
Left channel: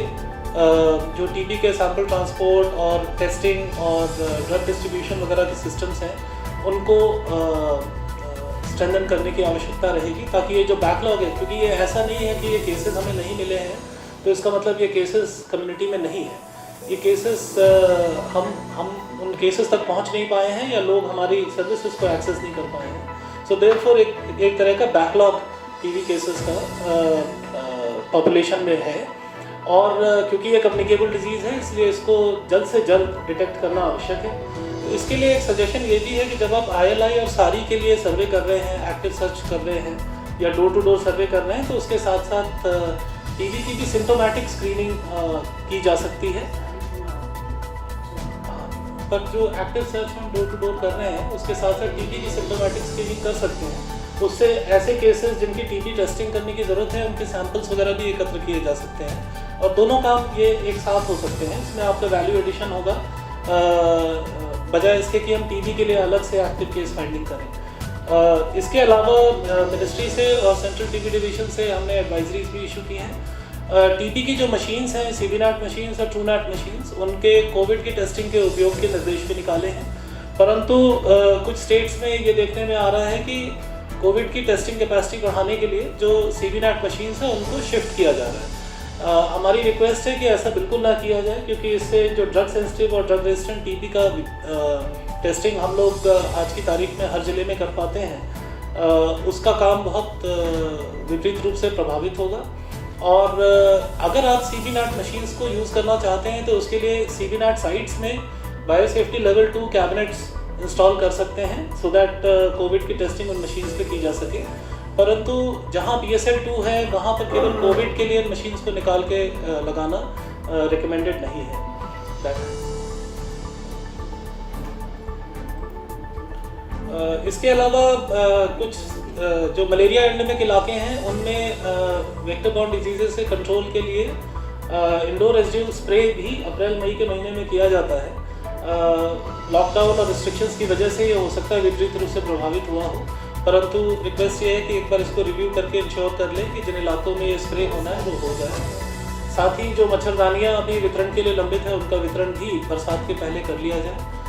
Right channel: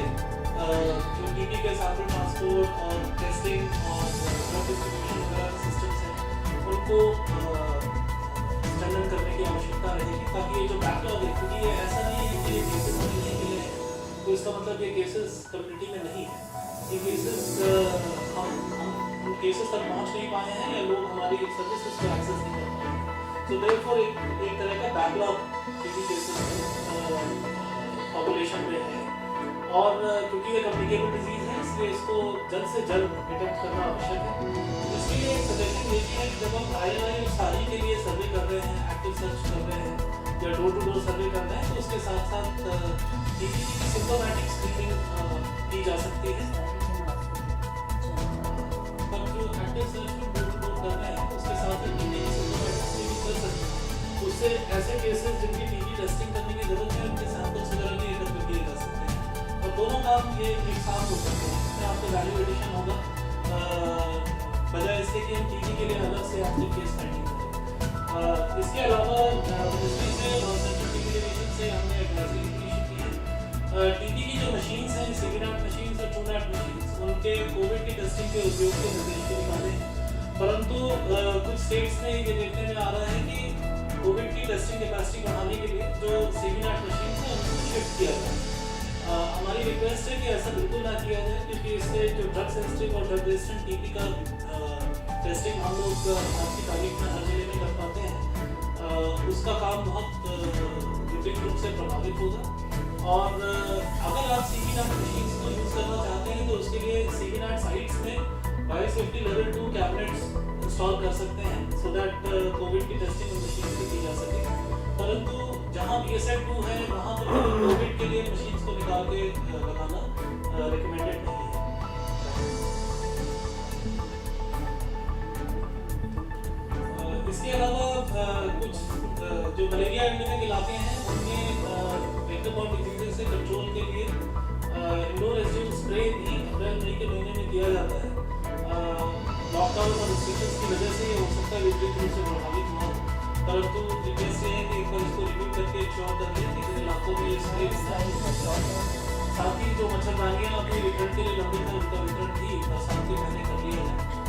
जो टीबी के सैंपल ट्रांसपोर्ट और टेस्टिंग और ड्रग डिस्ट्रीब्यूशन वगैरह के सिस्टम्स हैं उनको स्ट्रेंथन करने की आवश्यकता रहेगी, ताकि ये जो बैकलॉग है, क्योंकि ये ऐसा नहीं है कि ये केसेस हमें नहीं मिले हैं तो इसका मतलब ये केसेस कम्युनिटी में नहीं है। ये केसेस हम उन केसेस तक पहुंच नहीं पाए हैं या लोग हमारी सर्विसेज को एक्सेस नहीं कर पाए हैं। सो देयरफॉर एक तरह का बैकलॉग टीबी केसेस का पॉपुलेशन में है, और क्योंकि ये कम्युनिकेबल डिजीज़ है इसलिए इसको जल्द से जल्द डिटेक्ट करना आवश्यक है। तो इसके लिए एक सजेशन ये भी है कि जब आप ILI और सारी के लिए सर्वे कर रहे हैं, एक्टिव सर्च कर रहे हैं या डोर टू डोर सर्वे कर रहे हैं, तो उसके साथ साथ टीबी की भी सिम्टोमेटिक स्क्रीनिंग की जा सकती है। पर जो एक्टिव सर्च हम डोर टू डोर कर रहे हैं उसके साथ साथ टीबी की सिम्टोमेटिक स्क्रीनिंग कर सकते हैं। उससे ऐसे केसेस जिनकी टीबी टेस्टिंग करने की ज़रूरत है उनके सैंपल्स वगैरह भी एकत्र किए जा सकते हैं, और दोनों काम ये एक साथ हो सकते हैं। इसमें आपका वैल्यू एडिशन होगा बजाय इसके कि हम टीबी के लिए अलग से एक्टिव केस फाइंडिंग करें। इसके अलावा मिनिस्ट्री से और सेंट्रल टीबी डिवीजन से हमने एडवाइजरीज भी इशू की हैं। टीबी की जो मशीन्स हैं, CBNAT मशीन्स और TrueNAT मशीन्स, उनके कोविड की टेस्टिंग के उपयोग के निर्देश भी निकाले हैं, परंतु कुछ स्टेट्स में ये देखने में आ रहा है कि कोविड की टेस्टिंग कैपेसिटी बढ़ाने के लिए जो CBNAT मशीन्स हैं उनको शिफ्ट किया जा रहा है। हमारी रिक्वेस्ट है कि ऐसा बिल्कुल ना किया जाए, क्योंकि इससे जो ड्रग सेंसिटिव और ड्रग रेजिस्टेंट टीबी का टेस्टिंग हम लोग आज की तारीख में हर ज़िले में कर पाते हैं, उसका काम बहुत विपरीत रूप से प्रभावित होगा। और अगर आप CBNAT मशीन्स को यूज़ करना चाहते हैं तो उसके लिए CBNAT साइट्स में बायोसेफ्टी लेवल 2 कैबिनेट्स इंस्टॉल कर सकते हैं, सो दैट कोविड की टेस्टिंग उन मशीन्स पे की जा सके। परंतु जहाँ BSL 2 है वहाँ पर केवल कोविड के लिए मशीन्स को निकाल के लगाना रिकमेंडेड नहीं है। इसके अलावा कुछ जो मलेरिया एंडेमिक इलाके हैं उनमें वेक्टर बॉर्न डिजीजेस से कंट्रोल के लिए इंडोर रेजिड्यूल स्प्रे भी अप्रैल-मई के महीने में किया जाता है। लॉकडाउन और रिस्ट्रिक्शंस की वजह से ये हो सकता है विपरीत रूप से प्रभावित हुआ हो, परंतु रिक्वेस्ट ये है कि एक बार इसको रिव्यू करके इंश्योर कर लें कि जिन इलाकों में ये स्प्रे होना है वो हो जाए। साथ ही जो मच्छरदानियाँ अभी वितरण के लिए लंबित है उनका वितरण भी बरसात के पहले कर लिया जाए।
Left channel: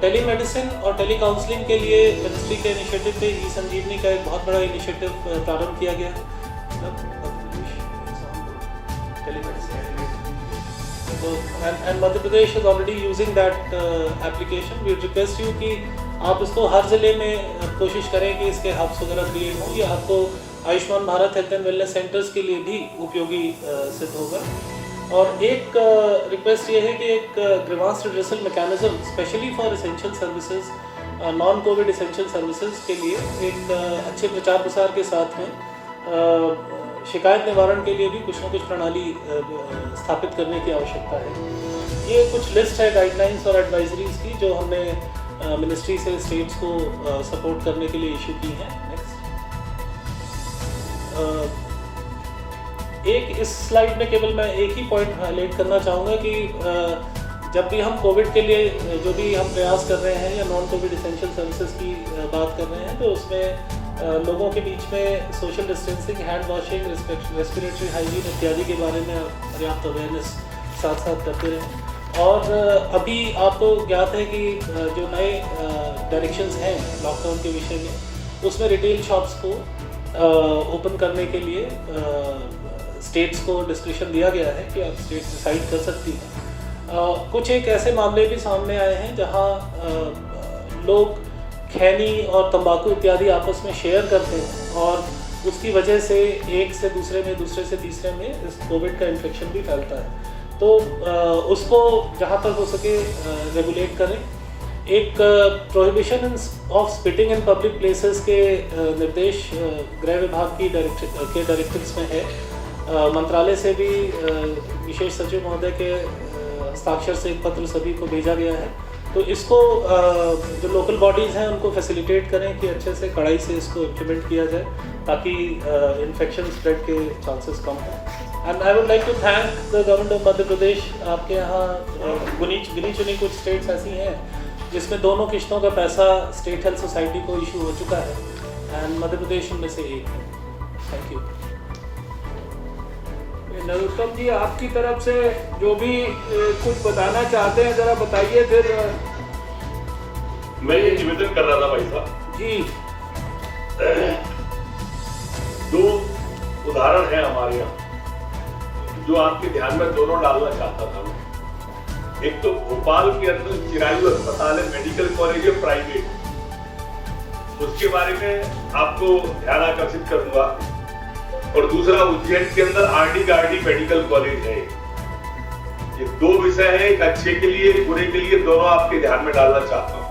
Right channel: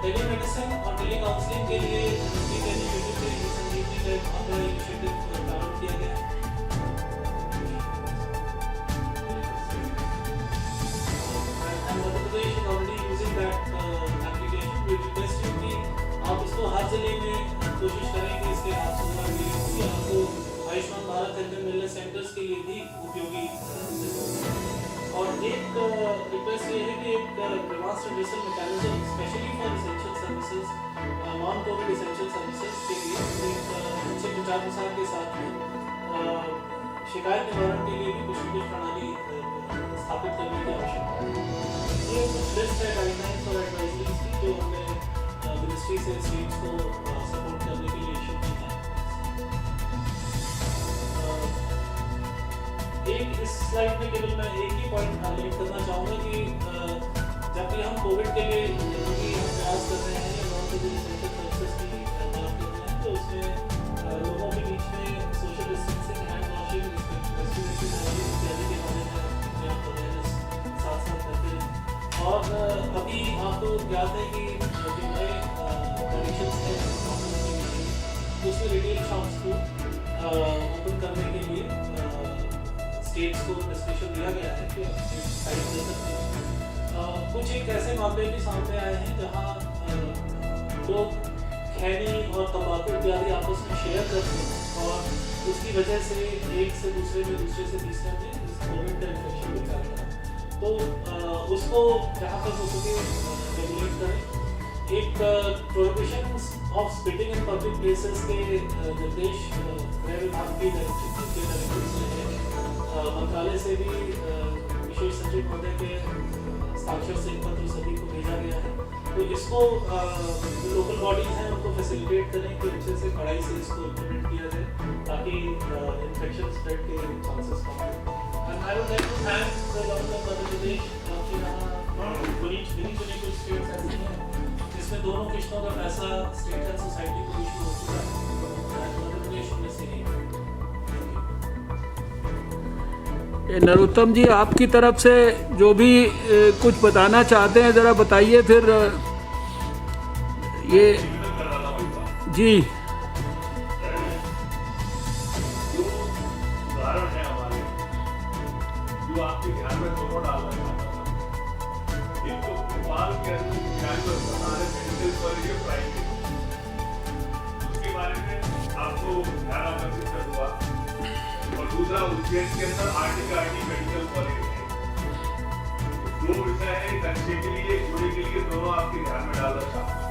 टेलीमेडिसिन और टेली काउंसलिंग के लिए मिनिस्ट्री के इनिशिएटिव पे ई-संजीवनी का एक बहुत बड़ा इनिशिएटिव प्रारंभ किया गया है। And Madhya Pradesh is already using that application. We request you कि आप इसको हर ज़िले में कोशिश करें कि इसके हब्स वगैरह क्रिएट हों। ये आपको Ayushman Bharat health and wellness centres के लिए भी उपयोगी सिद्ध होगा। और एक रिक्वेस्ट ये है कि एक grievance redressal mechanism specially for essential services, non Covid essential services के लिए एक अच्छे प्रचार प्रसार के साथ में शिकायत निवारण के लिए भी कुछ न कुछ प्रणाली स्थापित करने की आवश्यकता है। ये कुछ लिस्ट है गाइडलाइंस और एडवाइजरीज की जो हमने मिनिस्ट्री से स्टेट्स को सपोर्ट करने के लिए इशू की है। नेक्स्ट, एक इस स्लाइड में केवल मैं एक ही पॉइंट हाईलाइट करना चाहूँगा कि जब भी हम कोविड के लिए जो भी हम प्रयास कर रहे हैं या नॉन कोविड एसेंशियल सर्विसेज की बात कर रहे हैं, तो उसमें लोगों के बीच में social distancing, hand washing, respiratory hygiene इत्यादि के बारे में पर्याप्त अवेयरनेस साथ साथ करते हैं। और अभी आपको ज्ञात है कि जो नए डायरेक्शंस हैं लॉकडाउन के विषय में, उसमें रिटेल शॉप्स को ओपन करने के लिए स्टेट्स को डिस्क्रिप्शन दिया गया है कि आप स्टेट डिसाइड कर सकती हैं। कुछ एक ऐसे मामले भी सामने आए हैं जहां लोग खैनी और तंबाकू इत्यादि आपस में शेयर करते हैं और उसकी वजह से एक से दूसरे में, दूसरे से तीसरे में इस कोविड का इन्फेक्शन भी फैलता है। तो उसको जहाँ तक हो सके रेगुलेट करें। एक prohibition of spitting in public places के निर्देश गृह विभाग की डायरेक्टिव्स में है। मंत्रालय से भी विशेष सचिव महोदय के हस्ताक्षर से एक पत्र सभी को भेजा गया है। तो इसको जो लोकल बॉडीज़ हैं उनको फैसिलिटेट करें कि अच्छे से कड़ाई से इसको इम्प्लीमेंट किया जाए ताकि इन्फेक्शन स्प्रेड के चांसेस कम हों। And I would like to thank the government of Madhya Pradesh. आपके यहाँ गिनी चुनी कुछ स्टेट्स ऐसी हैं जिसमें दोनों किश्तों का पैसा स्टेट हेल्थ सोसाइटी को इशू हो चुका है एंड मध्य प्रदेश उनमें से एक है। Thank you. नरोत्तम जी, आपकी तरफ से जो भी कुछ बताना चाहते हैं ज़रा बताइए। फिर मैं निवेदन कर रहा था भाई साहब जी, दो उदाहरण है हमारे यहाँ जो आपके ध्यान में दोनों डालना चाहता था। एक तो भोपाल के अंदर चिरायु अस्पताल है, मेडिकल कॉलेज है प्राइवेट, उसके बारे में आपको ध्यान आकर्षित कर दूंगा। और दूसरा उज्जैन के अंदर आरडी गार्डी मेडिकल कॉलेज है। ये दो विषय हैं, एक अच्छे के लिए एक बुरे के लिए, दोनों आपके ध्यान में डालना चाहता हूँ।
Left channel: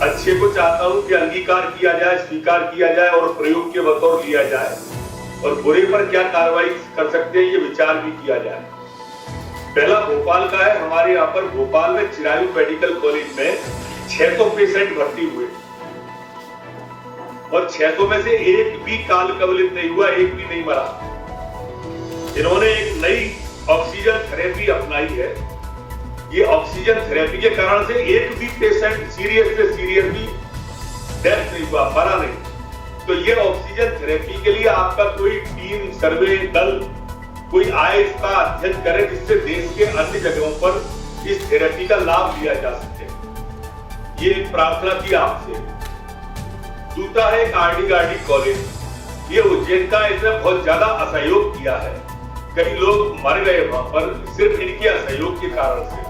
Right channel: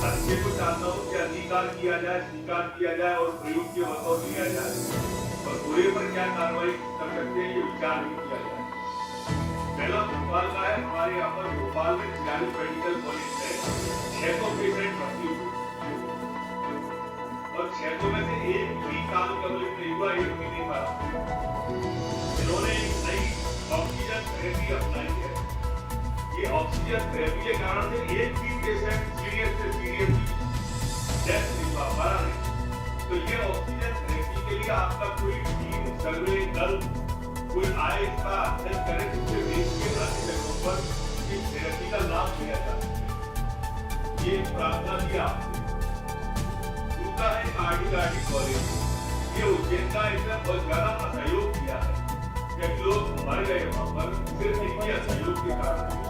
अच्छे को चाहता हूँ कि अंगीकार किया जाए, स्वीकार किया जाए और प्रयोग के बतौर लिया जाए, और बुरे पर क्या कार्रवाई कर सकते हैं ये विचार भी किया जाए। पहला भोपाल का है। हमारे यहाँ पर भोपाल में चिरायु मेडिकल कॉलेज में 600 पेशेंट भर्ती हुए और 600 में से एक भी काल कवलित नहीं हुआ, एक भी नहीं मरा। इन्होंने एक नई ऑक्सीजन थेरेपी अपनाई है। ये ऑक्सीजन थेरेपी के कारण से एक भी पेशेंट सीरियस से सीरियस भी डेथ नहीं हुआ, मरा नहीं। तो ये ऑक्सीजन थेरेपी के लिए आपका कोई टीम, सर्वे दल कोई आए, इसका अध्ययन करे, जिससे देश के अन्य जगहों पर इस थेरेपी का लाभ लिया जा सके। ये एक प्रार्थना थी आपसे। दूसरा है आरडी गार्डी कॉलेज। ये उज्जैन का इसने बहुत ज्यादा असहयोग किया है, कई लोग मर गए वहां पर सिर्फ इनके असहयोग के कारण से।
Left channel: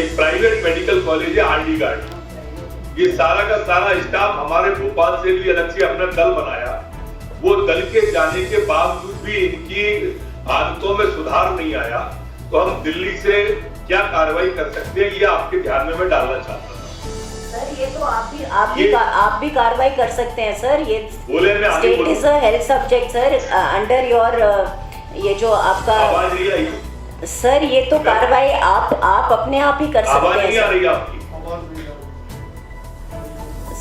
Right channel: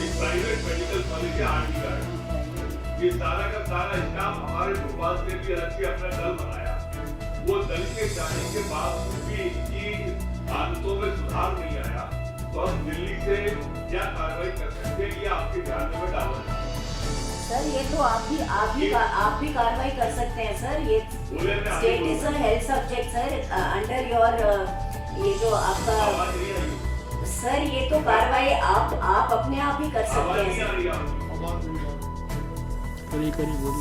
एक प्राइवेट मेडिकल कॉलेज है आरडी गार्डी। ये सारा का सारा स्टाफ हमारे भोपाल से भी अलग से अपना दल बनाया। वो दल के जाने के बावजूद भी इनकी आदतों में सुधार नहीं आया। तो हम दिल्ली से क्या कार्रवाई कर सकते हैं ये आपके ध्यान में मैं डालना चाहता हूँ। सर ये तो आप भी कार्रवाई कर सकते हैं सर। ये बोले मैं आगे state is a health subject sir, under your ये जो आपका आवाज नहीं आई सर, ये तो कार्रवाई आप अपने आप ही कर सकते आवाज नहीं आ हैं रही आपकी।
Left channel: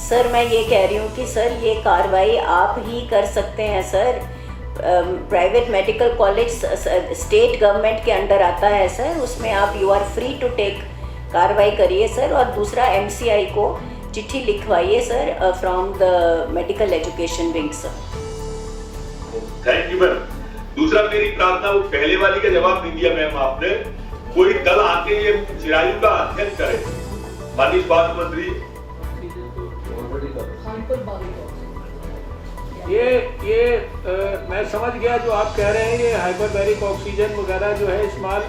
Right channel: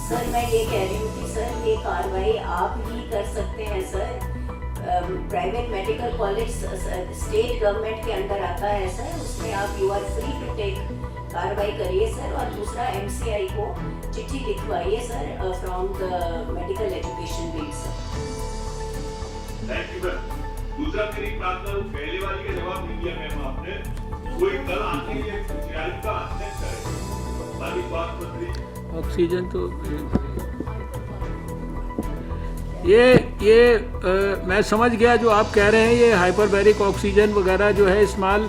सर। मैं ये कह रही हूँ कि सर ये कार्रवाई आप ही कर सकते हैं sir. Private medical college state government के अंडर आता है सर, उसमें आप you are free to take कार्रवाई करिए सर। और दूसरा MCI को चिट्ठी लिखवाइए sir from the medical education wing sir. Thank you ma'am. दूसरा मेरी प्रार्थना, वो पहले वाली का जवाब नहीं दिया मैम आपने। कोई दल आके ये चिरायु का अध्ययन करे। माननीय स्वास्थ्य मंत्री, ऑक्सीजन तो ये मैं समझ गया जो आप कह रहे हैं। ये हाइपरबैरिक ऑक्सीजन वगैरह जो है इस्तेमाल,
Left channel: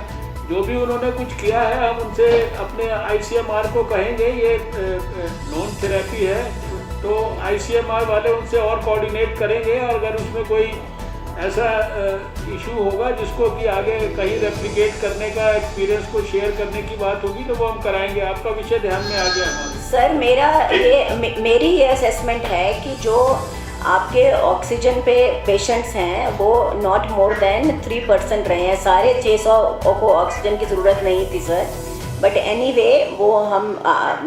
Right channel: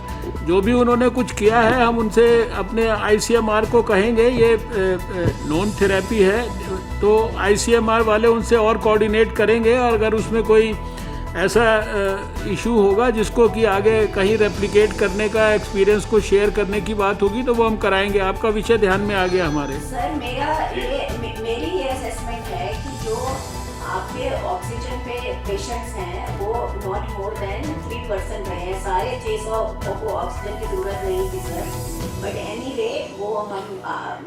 जो भी उन्होंने कुछ किया है, हम उनसे अपने ICMR को कहेंगे। ये नॉन थेरेपी है तो ICMR वाले उनसे और कोऑर्डिनेट करेंगे, और अगर उसमें कोई ऐसा इशू होगा जिसको कि आगे कहीं रेप्लिकेट करने का, एक्सपीरियंस को शेयर करने की बात होगी तो वो हम कराएंगे। आपका विषय ध्यान में आ गया हमारे सर। मेरी ये असेसमेंट है कि जो आपके ऑक्सीजन पे पेशेंट्स हैं वो नॉट मोर देन 3% रहे हैं। सारे 600 को ऑक्सीजन की ज़रूरत नहीं थी सर, बट एनीवे वो हम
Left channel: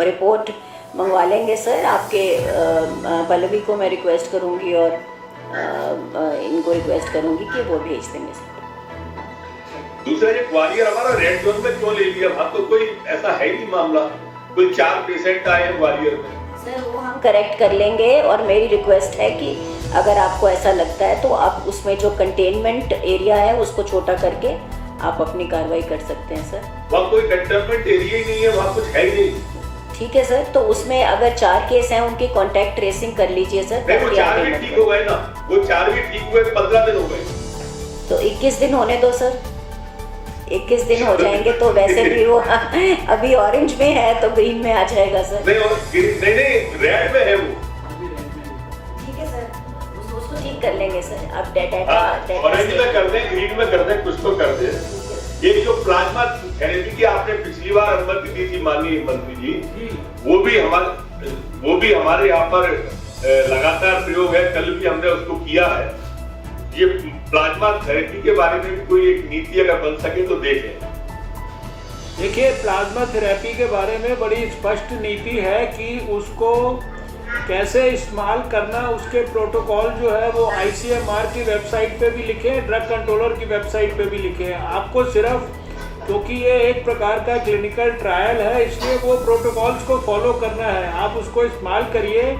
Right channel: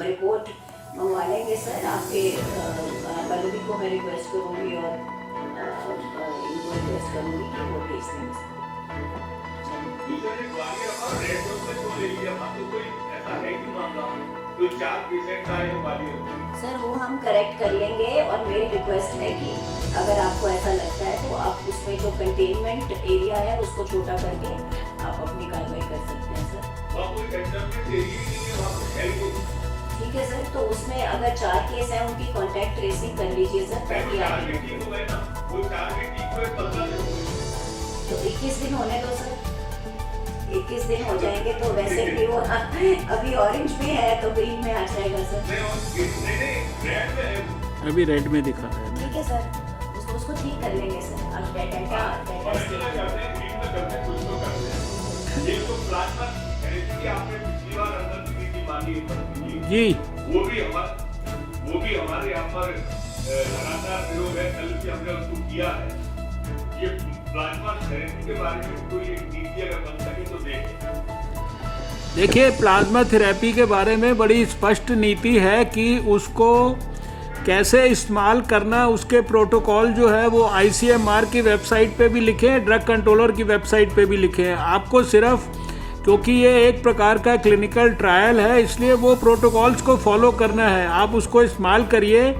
रिपोर्ट मंगवा लेंगे सर। आपके पल्लवी को मैं रिक्वेस्ट करूँगी और इनको उनको रिक्वेस्ट करूँगी कि वो भेज देंगे सर। दूसरा ये ग्वालियर हमारा रेड जोन में क्यों ले लिया? वहाँ तो कोई ऐसा है ही नहीं मामला, कोई 4 पेशेंट आए हैं ग्वालियर में। सर वो हम करेक्ट कर लेंगे, और मेरी रिक्वेस्ट है कि अगर आपको ऐसा लगता है तो आप उसमें जो कंटेनमेंट एरिया है उसको छोटा करके आप अपनी कार्रवाई कर सकते हैं सर। वहाँ कोई कंटेनमेंट एरिया ही नहीं है, वहाँ कुछ है ही नहीं। ठीक है सर, तो उसमें अगर 4 केस हैं उनकी कॉन्टैक्ट ट्रेसिंग कर लीजिए सर। नहीं, वो 4 भी ठीक हो गए ना, वो 4 भी ठीक हुए, 15 दिन हो गए। तो 21 दिन होने दो सर, 21 दिन हो जाएंगे तो वैसे भी वो अभी ऑरेंज में है तो ग्रीन में आ जाएगा सर। नहीं रेड में है वो, अभी रेड में दिखा रहा है। ठीक है सर, उसको ठीक कर लेंगे सर। आप डेटा ऑरेंज में कर दें, ग्रीन में कर दें, कुछ तो कर दें। ये जो प्लाज्मा थेरेपी की आपने पिछली बार अनुमति दी थी माननीय मंत्री जी, वो भी हमारे यहाँ पर लगातार प्रयोग है, कल भी हमने उसको किया है। ये प्लाज्मा थेरेपी के बारे में भी कोई एक नीति अगर बन सके तो देखें। देखिए, प्लाज्मा थेरेपी के बारे में बड़ी स्पष्ट नीति है कि उसको कैसे इस्तेमाल करना, उसके प्रोटोकॉल जो है वो ICMR की वेबसाइट पे भी लिखे हैं, ड्रग कंट्रोलर की वेबसाइट पे भी लिखे हैं। आपको सिर्फ क्योंकि ये एक प्रकार का क्लिनिकल ट्रायल है इसलिए वो प्रोटोकॉल्स को फॉलो करना है। आप उसको इस्तेमाल करिए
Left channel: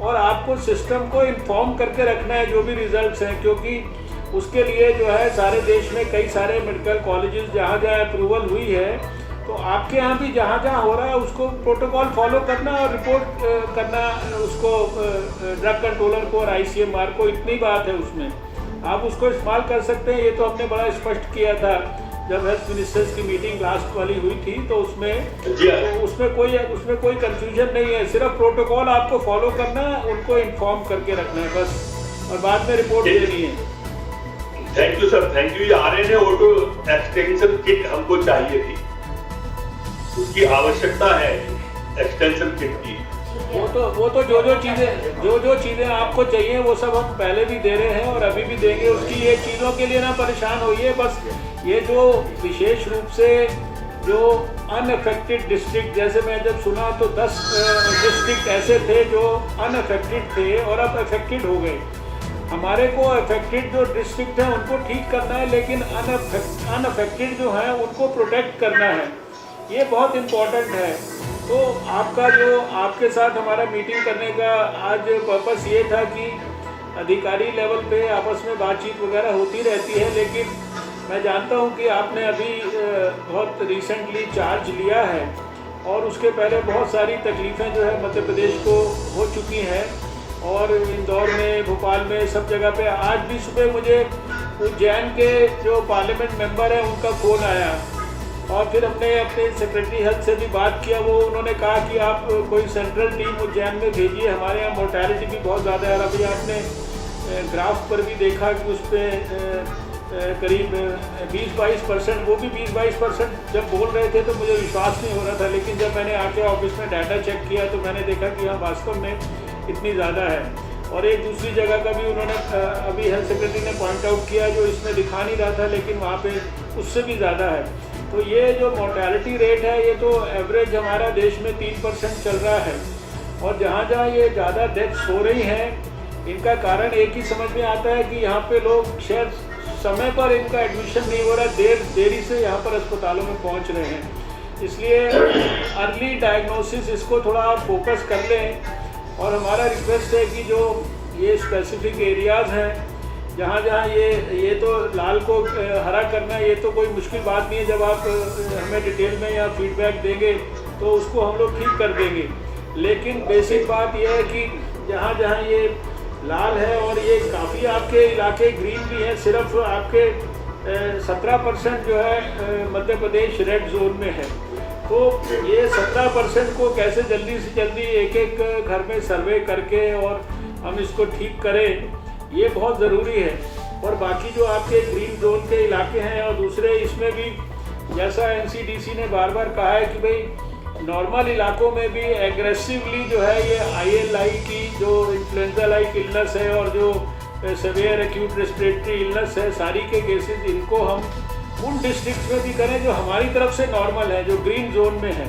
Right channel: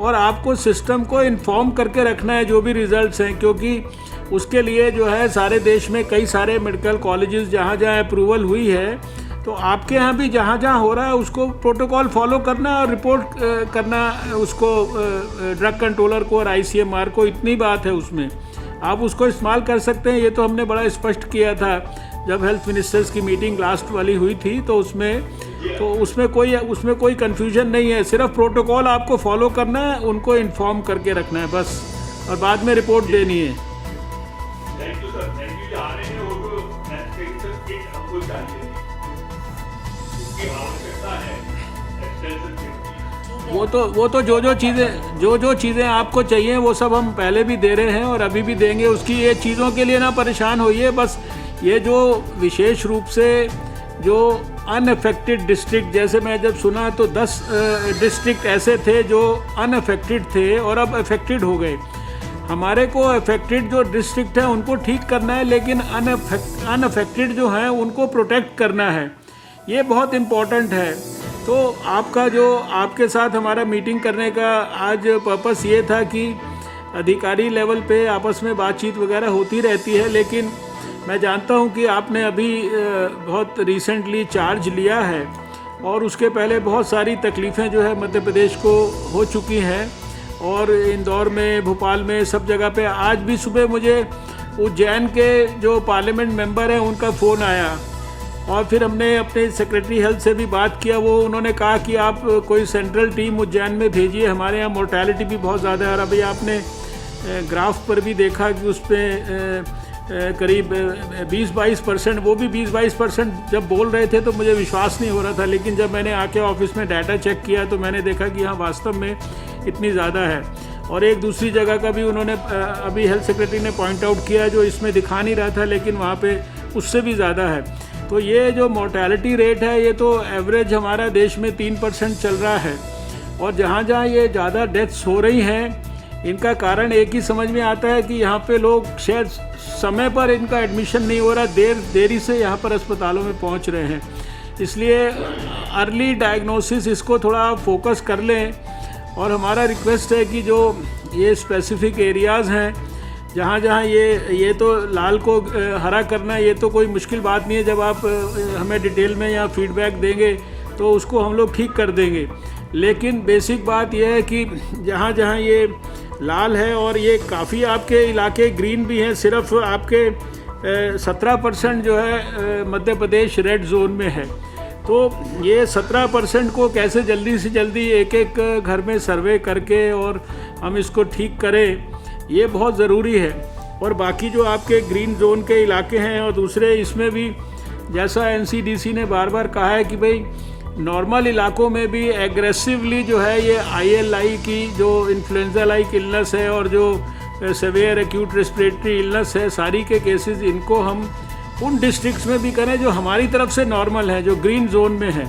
और आपको सिस्टम को इन्फॉर्म करके रखना है जो भी रिजल्ट्स हैं, क्योंकि उसके लिए जो है सारे देश में कई सारे मेडिकल कॉलेजेस जहाँ जहाँ अप्रूवल हुई है, तो आपके यहाँ भी जहाँ जहाँ हो रहा है उसको प्रोटोकॉल फॉलो करना और रिपोर्ट करना उसको ड्रग कंट्रोलर को और ICMR को। इतनी बात है उसमें, आप उसको इस्तेमाल कर सकते हैं। ये तो हमने बड़ा स्पष्ट किया था जब हेल्थ मिनिस्टर्स की मीटिंग लास्ट वाली हुई थी, तो उसमें कोई कंफ्यूजन नहीं है। सिर्फ प्रोटोकॉल आपको फॉलो करना है, उनको इन्फॉर्म करके रखना है बस, और बाद में रिपोर्ट देनी है। Thank you sir, thank you. RNA auto extension kit हमको चाहिए थी, उसकी आवश्यकता है एक्सटेंशन किट की। वो तो जो चीज़ें आपको चाहिए वो सब हम पहले भी दे रहे हैं और अभी भी देंगे। उसकी ये चीज़ों के लिए ना परेशान होइए, बस ये जो विशेष रूप से जो अनअफेक्टेड डिस्ट्रिक्ट, जैसे मैं जब सुना तो 10 डिस्ट्रिक्ट ऐसे थे जो अनअफेक्टेड थे और अब अफेक्टेड हो गए। हमारे को अफेक्टेड जो डिस्ट्रिक्ट है उनको ठीक करना है, लेकिन अनअफेक्टेड जो है उनको प्रोटेक्ट करना है। ये बहुत इम्पोर्टेंट है। तो आपका जो आपके साथ हमारा मीटिंग करने का आज पर्पस ये था कि अधिकारी लेवल पे आपस में बातचीत वगैरह होती रहती है, लेकिन मैं जानता हूँ कि आपने अभी बहुत रिसेंटली चार्ज लिया है और उसके पहले बहुत सारी तकलीफ़ें जो है मध्य प्रदेश को हो चुकी हैं, और इंदौर में, भोपाल में, सब जगह पे। आज भी सुबह मुझे उज्जैन के जो पार्लियामेंट मेंबर हैं उनका फ़ोन आया, और फिर हमने अपने सेक्रेटरी हेल्थ से भी बात किया। वो उन्होंने कहा कि आप कोई सेंट्रल टीम उज्जैन में भेजिए, हमारे यहाँ मोर्टेलिटी भी बहुत ज़्यादा है। और अभी आपने ग्राफ पर भी देखा कि उस पर करीब 20-22%, वो भी 20-22% जब बोल रहे थे तो मुझे विश्वास नहीं हो रहा था, लेकिन जब मैंने आके ऑफिस में डाटा चेक किया तो मैंने देखा कि हाँ वास्तव में इतनी ज़्यादा है। और एक दूसरी जगह का भी उन्होंने अभी हेल्थ सेक्रेटरी ने पॉइंट आउट किया जो इसमें दिखा नहीं रहा था, लेकिन वहाँ पे उससे भी ज़्यादा है। तो ये जो मोर्टेलिटी रेट है ये तो एवरेज हमारा देश में 3% चल रहा है, और जहाँ जहाँ ये ज़्यादा डेथ्स हो रही हैं इनका कारण एक ही समझ में आता है कि यहाँ पे लोग शायद समय पर इनका एडमिशन नहीं हो रहा, देरी से यहाँ पर अस्पतालों में पहुँच रहे हैं। इसलिए अर्ली डायग्नोसिस इसको थोड़ा आप फोकस कर लें, और हमारा रिक्वेस्ट है कि जो ये स्पेसिफिक एरियाज़ हैं जहाँ जहाँ ये तो लाल को हरा करना ये तो कोई मुश्किल बात नहीं है। जब आप हमें डिटेल में या फीडबैक देंगे तो उसको हम लोग ठीक कर देंगे, लेकिन बेसिक बात यह है कि जहाँ जहाँ ये लाल है और ये काफ़ी आपके इलाके ग्रीन भी हैं, सिर्फ आपके 17% जो है मध्य प्रदेश रेड जोन में है। तो ये 17% को कैसे जल्दी से जल्दी एक एक घर में सर्वे करके और हम इसको ठीक करें, ये बहुत ज़रूरी है। और बाकी जो आपके ग्रीन जोन के इलाके हैं और दूसरे, इसमें भी जैसा NCDC ने बार बार कहा है कि भाई नॉर्मल इलाकों में भी एग्रेसिवली जो है ये ILI की जो इन्फ्लुएंजा लाइक इलनेस है और जो सेवियर एक्यूट रेस्पिरेटरी इलनेस है, सारी के केसेस इनको हम उन डिस्ट्रिक्ट्स में भी करें जो हमारी तरफ से नॉर्मल है, जो ग्रीन जोन में है,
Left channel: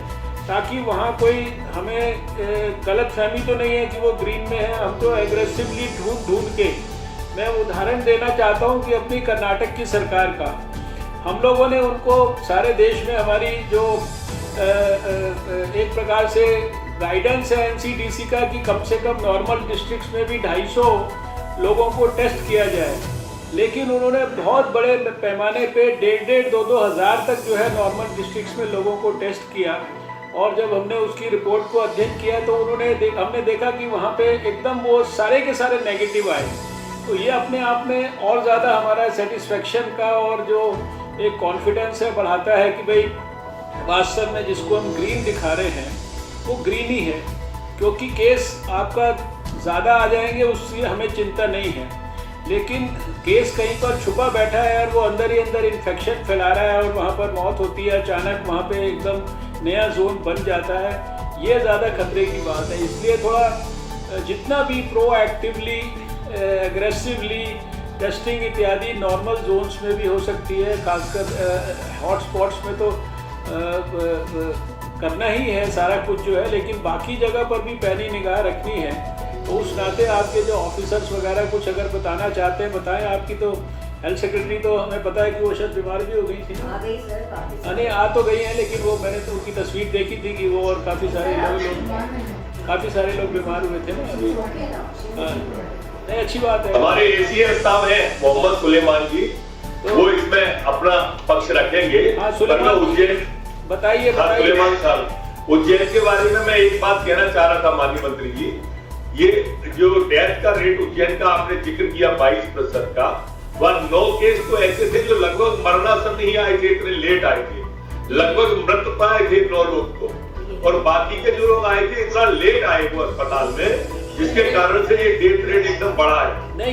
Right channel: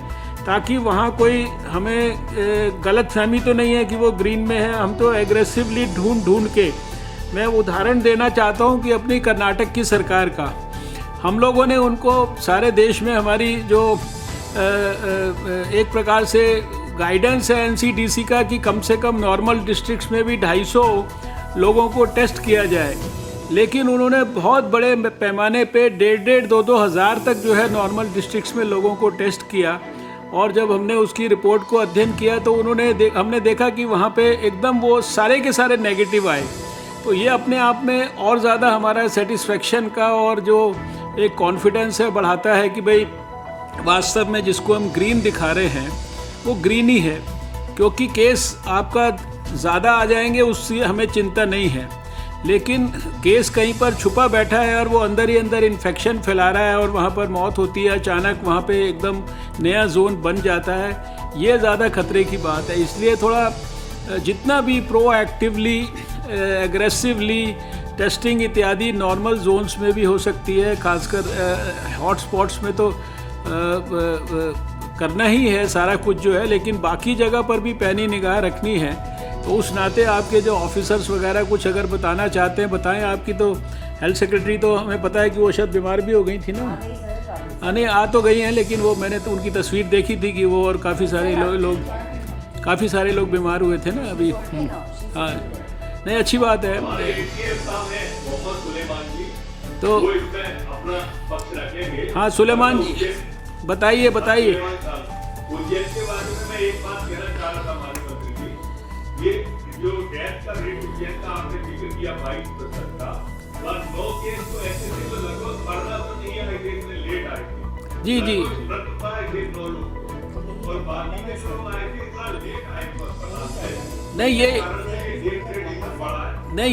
ताकि वहाँ कोई हमें गलत फहमी तो नहीं है कि वो ग्रीन में है। हम तो एग्रेसिवली ढूंढ के मैं उदाहरण देना चाहता हूँ कि अपनी कर्नाटक की सरकार का हम लोगों ने उनको सारे देश में हमारी जो एक प्रकार से गाइडेंस है एनसीडीसी का कि कम से कम नॉर्मल डिस्ट्रिक्ट्स में भी 250 लोगों को टेस्ट किया जाए, लेकिन उन्होंने बहुत बड़े पैमाने पे 1,500-2,2 हज़ार तक जो है नॉर्मल डिस्ट्रिक्ट्स में लोगों को टेस्ट किया। और जब हमने उसकी रिपोर्ट को अध्ययन किया तो हमने देखा कि वहाँ पे एकदम वो सारे के सारे नेगेटिव आए। तो ये अपने आप में और ज़्यादा हमारा सेटिस्फेक्शन का और जो एक कॉन्फिडेंस है बढ़ाता है कि भाई वास्तव में जिसको हम ग्रीन दिखा रहे हैं वो ग्रीन ही है, क्योंकि केस आपका ज़्यादा आ जाएंगे उससे हमें चिंता नहीं है, लेकिन केस कहीं पर छुपा बैठा है और वो अंदर ही अंदर इन्फेक्शन फैला रहा है और वहाँ पर मौत होती है अचानक, वहाँ पे एकदम नया जोन बन जाता है, ये ज़्यादा खतरे की बात है। इसलिए थोड़ा जितना भी प्रोएक्टिवली एग्रेसिवली टेस्टिंग इत्यादि नॉर्मल जोन्स में भी हो सकती है, खासकर हॉट स्पॉट्स में तो करना ही है सारा कुछ जो है, लेकिन बाकी जगह पर भी पैनी निगाह रखनी है। तो उस नाते आपके जो ऑफिसर्स वगैरह कुछ अगर बताना चाहते हैं बताएं। आपकी तो हेल्थ सेक्रेटरी तो हमें पता है कि वो शायद बीमार भी हो गई थी ना, नहीं आ तो गई है, लेकिन वो मैंने तो उनकी तस्वीर देखी थी कि वो और काफ़ी सारे लोग बीमार हुए थे ना अभी। हाँ नहीं, अच्छी बात है। हमारे एसीएस साहब हैं मोहम्मद सुलेमान जी, तो वो इसमें अपना पक्ष रखेंगे। हाँ सुलेमान जी बताइए। सुलेमान साहब, उज्जैन के बारे में मैं एक बात कहना चाह रहा था माननीय मंत्री जी, ये जो डेथ का रेट उज्जैन का आपने जिक्र किया 22% का, वह 9 केस तो ऐसे थे जो लगभग मरणासन ही आए थे, इतने लेट आए थे, लगभग मृत पाए थे 9 लोग को, और बाकी के जो लोग आए थे इतना लेट आए वो अस्पताल में, इसके कारण से ये डेथ रेट एकदम बढ़ा है। नहीं,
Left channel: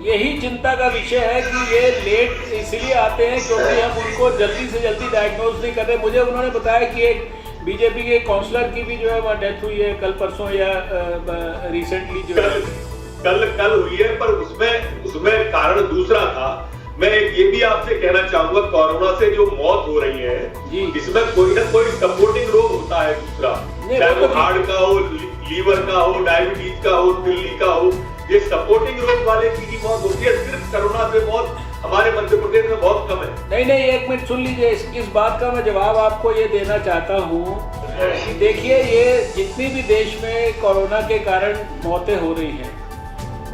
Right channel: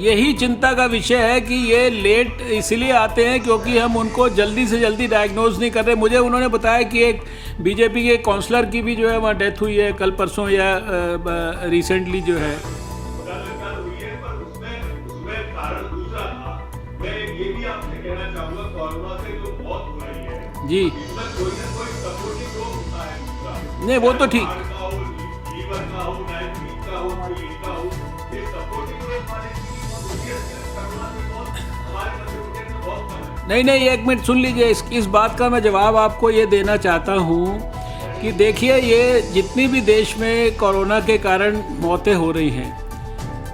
यही चिंता का विषय है कि ये लेट इसलिए आते हैं क्योंकि हम उनको जल्दी से जल्दी डायग्नोज नहीं कर रहे। मुझे उन्होंने बताया कि एक बीजेपी के काउंसलर की भी जो है वहाँ डेथ हुई है कल परसों या रिसेंटली जो है कल हुई है, पर उसमें कारण दूसरा था। मैं ये भी आपसे कहना चाहूंगा, कोरोना से जो मौत हो रही है जी, इसमें कोई ना कोई सपोर्टिंग रोग होता है दूसरा, नहीं वो तो हार्ट का हो, लीवर का हो, डायबिटीज का हो, दिल्ली का हो, ये सपोर्टिंग रोग वाले की मौत होती है। सिर्फ कोरोना से मौत हमारे मध्य प्रदेश में बहुत कम है। नहीं, एक मिनट सुन लीजिए, इस बात का मैं जवाब आपको ये देना चाहता हूँ कि देखिए, ये जितनी भी देश में कोरोना के कारण मौतें हो रही हैं,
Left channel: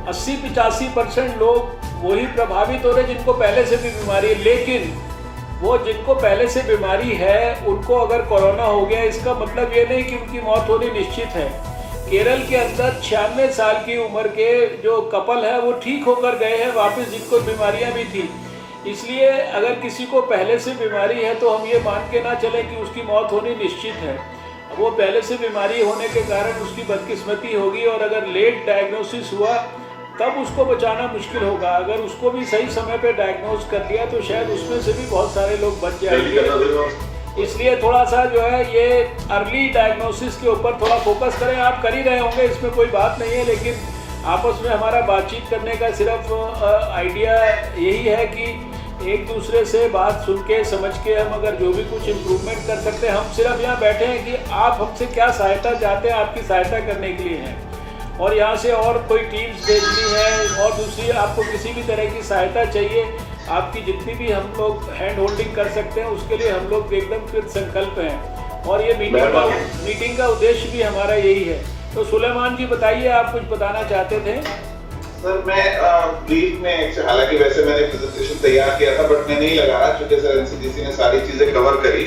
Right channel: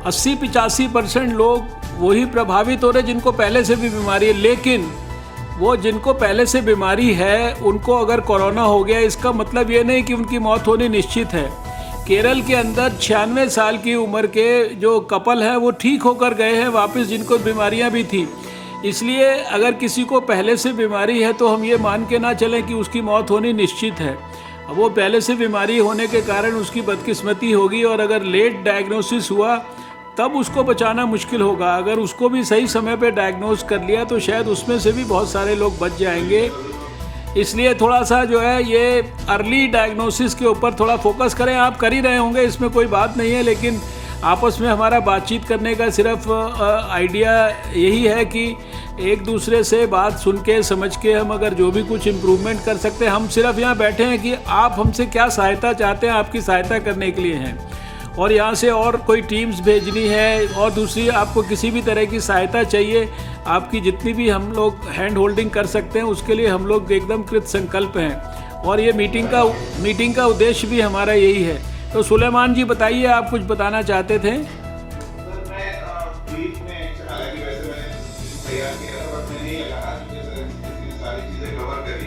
80-85% लोग वही प्रभावित हो रहे जिनको पहले से भी बीमारी है, लेकिन वो जिनको पहले से बीमारी है उनको अगर कोरोना हो गया, इसका मतलब ये नहीं कि उनकी मौत होनी निश्चित है। केरल के अंदर 96 साल की उम्र के जो कपल हैं वो ठीक होकर गए हैं वापस, जिनको बीमारियां भी थी। इसलिए अगर किसी को पहले से बीमारी है तो हम ये मान के ना चलें कि उसकी मौत होनी निश्चित है। वो पहले से बीमारी होने के कारण उसकी बदकिस्मती होगी, और अगर लेट डायग्नोसिस हुआ तब उसको बचाना मुश्किल होगा। अगर उसको भी सही समय पे डायग्नोज कर लिया तो शायद उसमें से भी बहुत सारे लोग बच जाएंगे। इसलिए थोड़ा सा जो है ये अर्ली डायग्नोसिस के ऊपर थोड़ा फोकस करें। आप कर ही रहे होंगे, इसमें कोई बात नहीं है, लेकिन आपस में हमारा बातचीत करने का सिर्फ आइडिया यही है कि एक दूसरे से बात सुन के समझ के हम अगर जो भी कुछ इम्प्रूवमेंट कर सकते हैं, हम सिर्फ यहाँ बैठे हैं कि आप हमसे क्या सहायता चाहते हैं, आपकी सहायता करने के लिए हैं। और यहाँ से और कोई टीम्स भेजनी है और दूसरी आपको किसी भी तरह की सहायता चाहिए, आपकी जितनी भी हम लोग हैंड होल्डिंग कर सकते हैं उसके लिए हम लोग एकदम कृत संकल्प हैं। और ये मीटिंग का उद्देश्य भी हमारा यही है। तो सुलेमान जी बताइए, आप कुछ बताना चाहते थे। सर मैं ब्रीफ में, हालांकि वैसे मैंने प्रेजेंटेशन तैयार किया था बट मैं नहीं लगाया क्योंकि सर एनसीडीसी ने सारी चीजें कवर करी।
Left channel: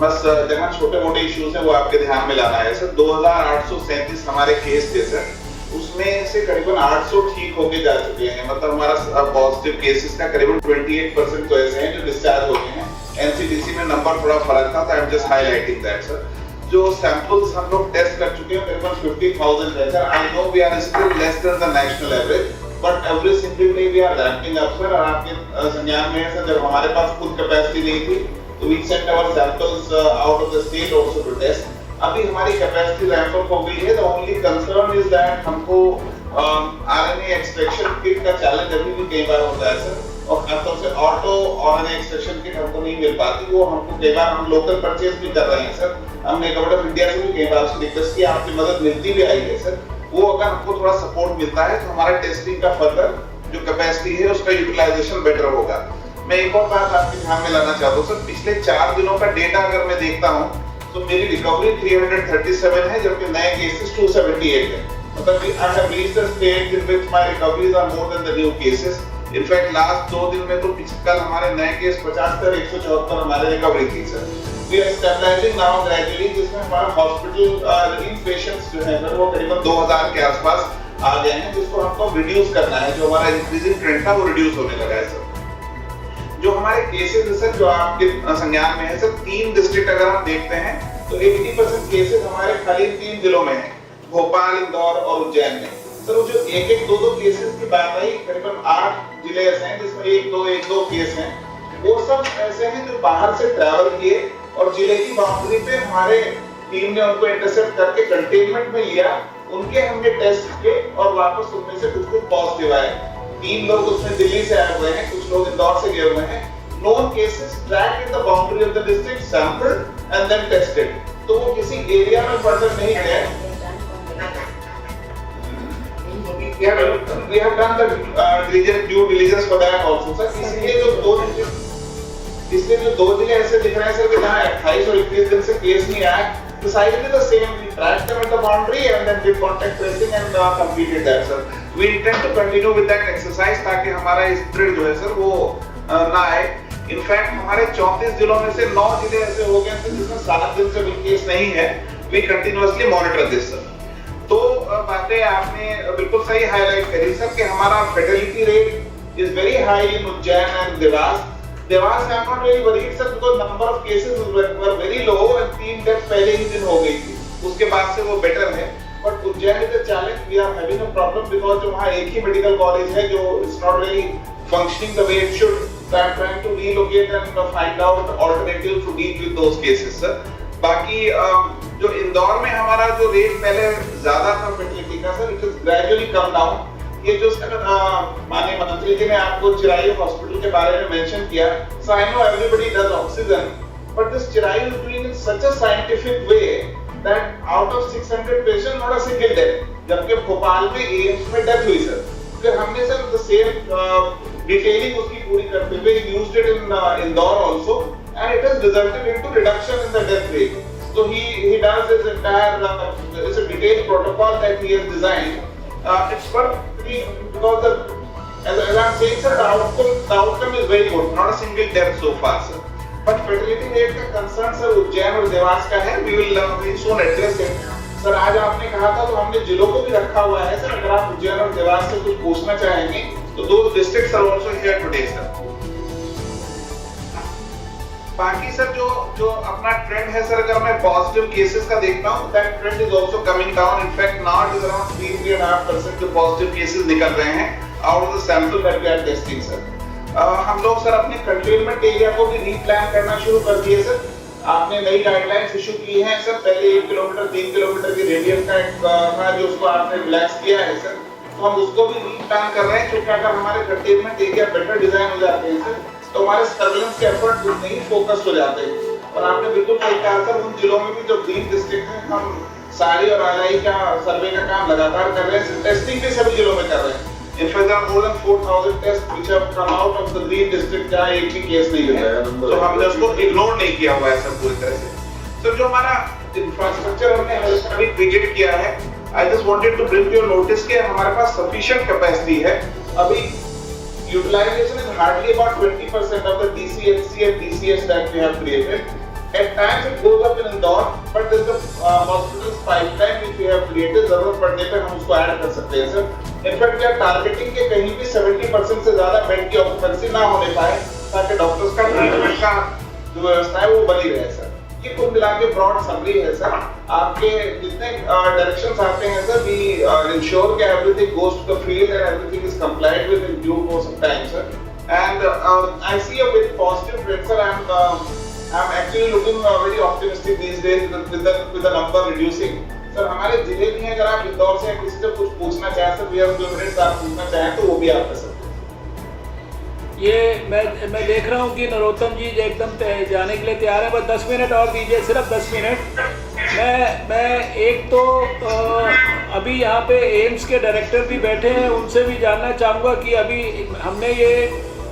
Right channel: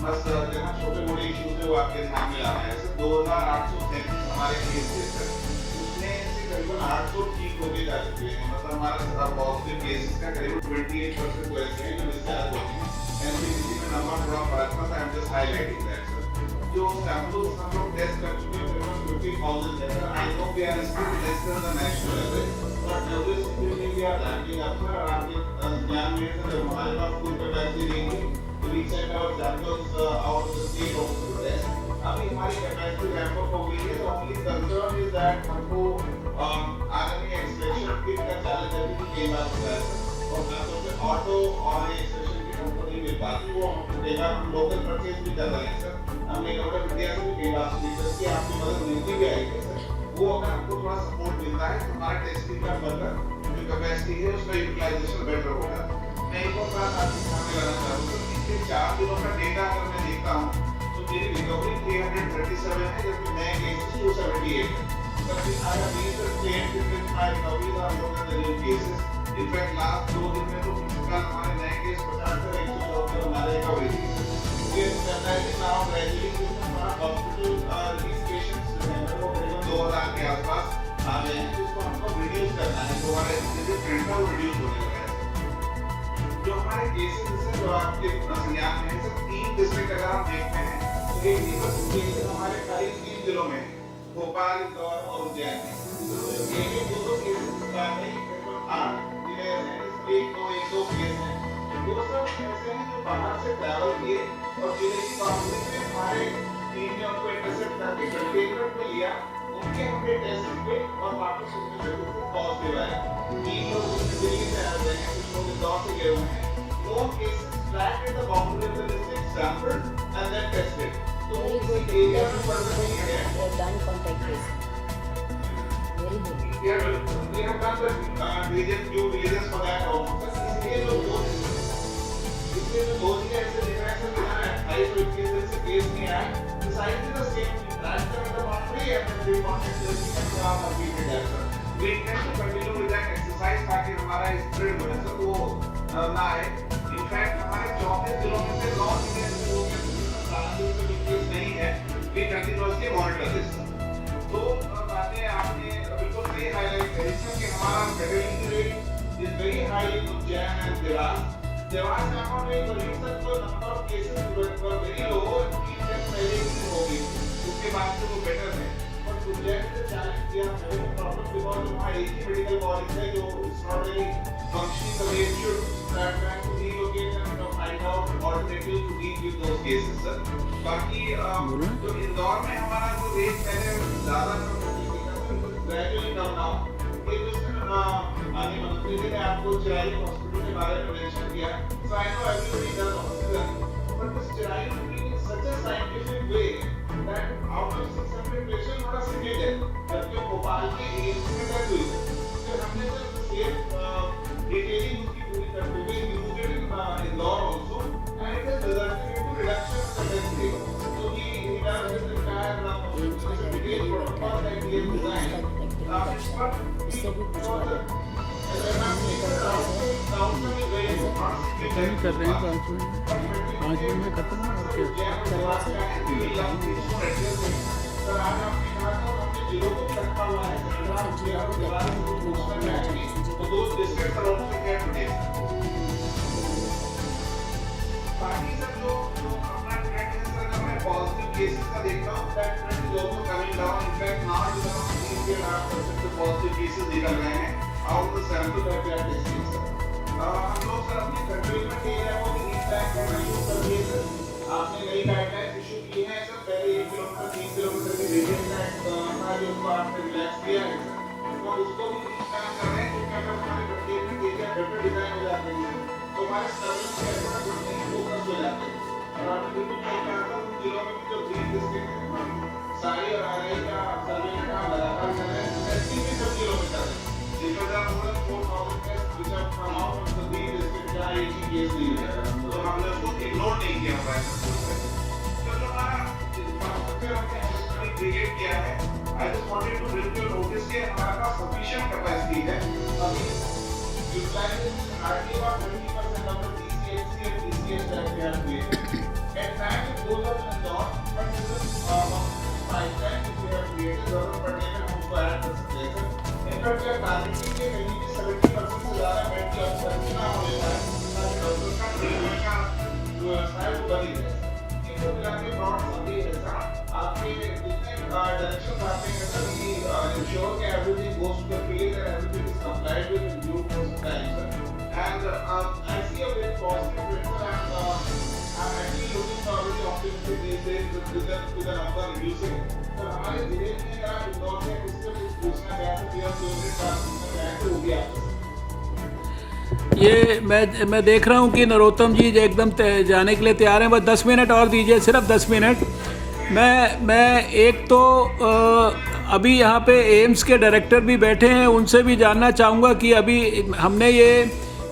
बस जहाँ छोटे मोटे इश्यूज हैं वो आपके ध्यान में लाना है। सर 2837 हमारे केस थे सर, उसमें से करीबन 800 ठीक होके जा चुके हैं। मतलब हमारा पॉजिटिव केसेस का करीबन 28% तो ऐसे हैं जो डिस्चार्ज हो गए हैं। एनसीडीसी में नंबर थोड़ा फर्क था, I am just highlighting that sir. जो सैंपल्स हम लोग टेस्ट कर चुके हैं करीबन 50,000 है sir. I know we are still less than the national average, but every single day we are ramping up sir. और आपके संज्ञान में है सर, जब हमारे पास खुद कैपेसिटी नहीं थी तो we sent our samples out of the state also to test. अभी हमारी कैपेसिटी रैंप अप हो गई है। The only concern is that हमको आरएनए एक्सट्रैक्शन किट का चैलेंज अभी भी कई बार होता है सर, और खासतौर से ऑटो आरएनए एक्सट्रैक्शन किट हमको नहीं मिल पाती। वो हमको कई बार हम लोकल परचेज भी कर रहे हैं सर। हमने गवर्नमेंट ऑफ इंडिया से भी कई बार रिक्वेस्ट किया, आपकी मदद मिलती भी आई है सर। वो अगर हमको थोड़ा सपोर्ट मिलता है तो हमारा टेस्टिंग का फर्दर जो कैपेसिटी है उसका यूटिलाइजेशन बेटर होगा। मैं एक और बात आपके ध्यान में लाना चाहता हूँ सर, पिछले 4 दिनों का डेटा अगर मैं देखता हूँ तो मेरी रिकवरी 337 है, जबकि नए केसेस 278 है। मतलब I have reached a stage in which my recoveries are more than the new cases. In fact, last 2 दिन में तो कल हमारे नए केस 75 174 हमारे रिकवरी केस है। We are stabilizing now gradually, जिसमें हमारा हॉस्पिटल पेशेंट्स जो है वो करीबन 2000 के आसपास आ गए हैं, जिसको हमको रिड्यूस करना है। जो हमारा इंक्रीजिंग ट्रेंड था वो रिड्यूस होने लगा है सर। जो हमारे केसेस है सर जो आपके संज्ञान में है सर, 3 डिस्ट्रिक्ट अगर हम देखते हैं तो 80% केसेस हमारे खाली 3 जिलों में है, भोपाल, इंदौर और उज्जैन में। सर वो जो एक 2 केसेस की बात आई, करीबन 8 जिले ऐसे हैं जिसमें 1-2 केस हैं। वो सब ऐसे हैं जो बाहर से ट्रैवल किए और जिले की बाउंड्री पे हमारे टीम ने उनको इंटरसेप्ट करके कंटेनमेंट में लिया, उनके हमने टेस्ट किए और वापस उनमें से कुछ पॉजिटिव आए। 3 लोग उसमें दिल्ली से आए हुए हैं, कुछ लोग इंदौर से गए हुए हैं। Known cases tracked in the boundary of the district, sampled and then tested. तो वो किसी एरिया में फर्दर नहीं गए। We have done the due diligence for that also sir। इसलिए जो 2 जिले ऐसे दिख रहे हैं सर कि जहाँ 28 और 21 दिन से केस नहीं आया, decidedly the same, we tracked them at the boundary and then did contact tracing and completed that sir। We intend to continue with that exercise ताकि हमारा स्प्रेड जो है सर वो ना आए। इनफैक्ट हमारे 34 जिलों में से 9 जिले ऐसे हो गए थे जिसमें 7 दिन से कोई केस नहीं है। We continuously monitor this sir। तो बातें आपने बिल्कुल सही हाईलाइट करी सर कि हमारा fatality rate is very high in Ujjain and Dewas. Dewas I am not very worried sir because number of cases were very low and 3 death पहले ही दिन हो गई थी, उसके बाद से वो बेटर है। But Ujjain is a challenge, we are having a problem because जो वहां एक ही मेडिकल कॉलेज है जो is not really functioning the way it should. So I am trying to relocate and find out alternatives to deal with those cases sir. बाकी जो इंदौर में हमारा जो रेट पहले ज्यादा था फर्टिलिटी का sir, it is gradually come down. ये जो सर माननीय मंत्री जी ने आपको चिरायु हॉस्पिटल के बारे में मेंशन किया, so I know everybody does oxygen, but this Chirayu is doing in such a scientific way that out of 600 patient not a single death, जबकि भोपाल में एम्स में डेथ हुई सर। फिर हमने सर द सेम डिटेलिंग उसकी पूरी करते हुए used it in Indore also and it has resulted into reduction in the death rate. So he does this entire it's a detailed protocol that he has designed. It's perfectly because as I'm saying sir, the outcome is very good, not a single death so far. But fertility rate का concern sir Ujjain और देवास का है, we will soon address it. Sir आज आपने कहा था तो हमने जिलों को भी रखा हुआ है सर, अगर आप उज्जैन और देवास से कुछ पूछना चाहेंगे तो those districts are also here today sir। बाकी सर जो अपना ट्रेंड है सर, अगर मैं पॉजिटिव केसेस का देखता हूं, that trend is also coming down. In fact now it is around 3.5% जो पॉजिटिव केसेस निकल रहे हैं out of the sample that we are testing sir. हम लोग सर अपने कंटेनमेंट एरिया को भी रीप्लान करना शुरू कर दिए सर। आपने नई गाइडलाइंस इशू की हैं सर, पहले 1 किलोमीटर 3 किलोमीटर की रेडियस का जो उसको आपने रिलैक्स किया है सर, तो हम उसको भी रीप्लान कर रहे हैं, क्योंकि अगर हमारे कंटेनमेंट एरिया बेटर डिजाइन हो जाते हैं सर तो हमारे सर्वेलेंस के एफर्ट उतने ही फोकस्ड हो जाते हैं। और आपने बिल्कुल सही कहा सर, उन जिलों में भी जो ग्रीन डिस्ट्रिक्ट हैं, हम सारी और आरआई का सर्वे का काम लगातार कर रहे हैं, टेस्टिंग भी सभी जिलों में कर रहे हैं। In fact there are more than 4000 test which have come out of the green district, जहां एक भी केस नहीं है, तो हमने उसको इग्नोर नहीं किया हुआ है सब पूरी तरह से। तो जो हमारा इंफ्रास्ट्रक्चर हमने अभी क्रिएट किया है, I just wanted to bring your notice कि हमारे पास सफिशिएंट कैपेसिटी है। अभी utilization is hardly about 20% of the DCHC and DCH that we have created. At times it goes up in Indore, but there is a hospital's pipeline which we have created. जरूरत पड़ने पे हम उसको add कर सकते हैं sir. In fact, we are targeting कि कहीं भी 70% से ज़्यादा बेड की ऑक्यूपेंसी ना होने पाए, ताकि डॉक्टर्स का ट्रीटमेंट का जो व्यवस्था है वो बनी रहे सर। ये कुल मिला के ब्रॉड समरी है सर। आपके जितने डायरेक्शंस आते हैं sir, we ensure that everything goes to the field and everything is complied with in due course of time sir। And I see a very positive trend sir। I'm actually looking very optimistic these days with the number reducing sir। हमारे जिले में अगर आप इंदौर से किसी से कुछ पूछना चाहें सर, we have 2 minutes आप पूछना चाहें तो वो भी आप कर सकते हैं। ये मैं देख रहा हूँ कि नरोत्तम जी एकदम जाने के लिए तैयार हैं, बस 10 मिनट और दीजिए, सिर्फ 10 मिनट। मैं एक तो अभी यहाँ पे एम्स के डायरेक्टर भी बैठे हैं, उनसे भी जानना चाहूँगा कि अभी हमने ये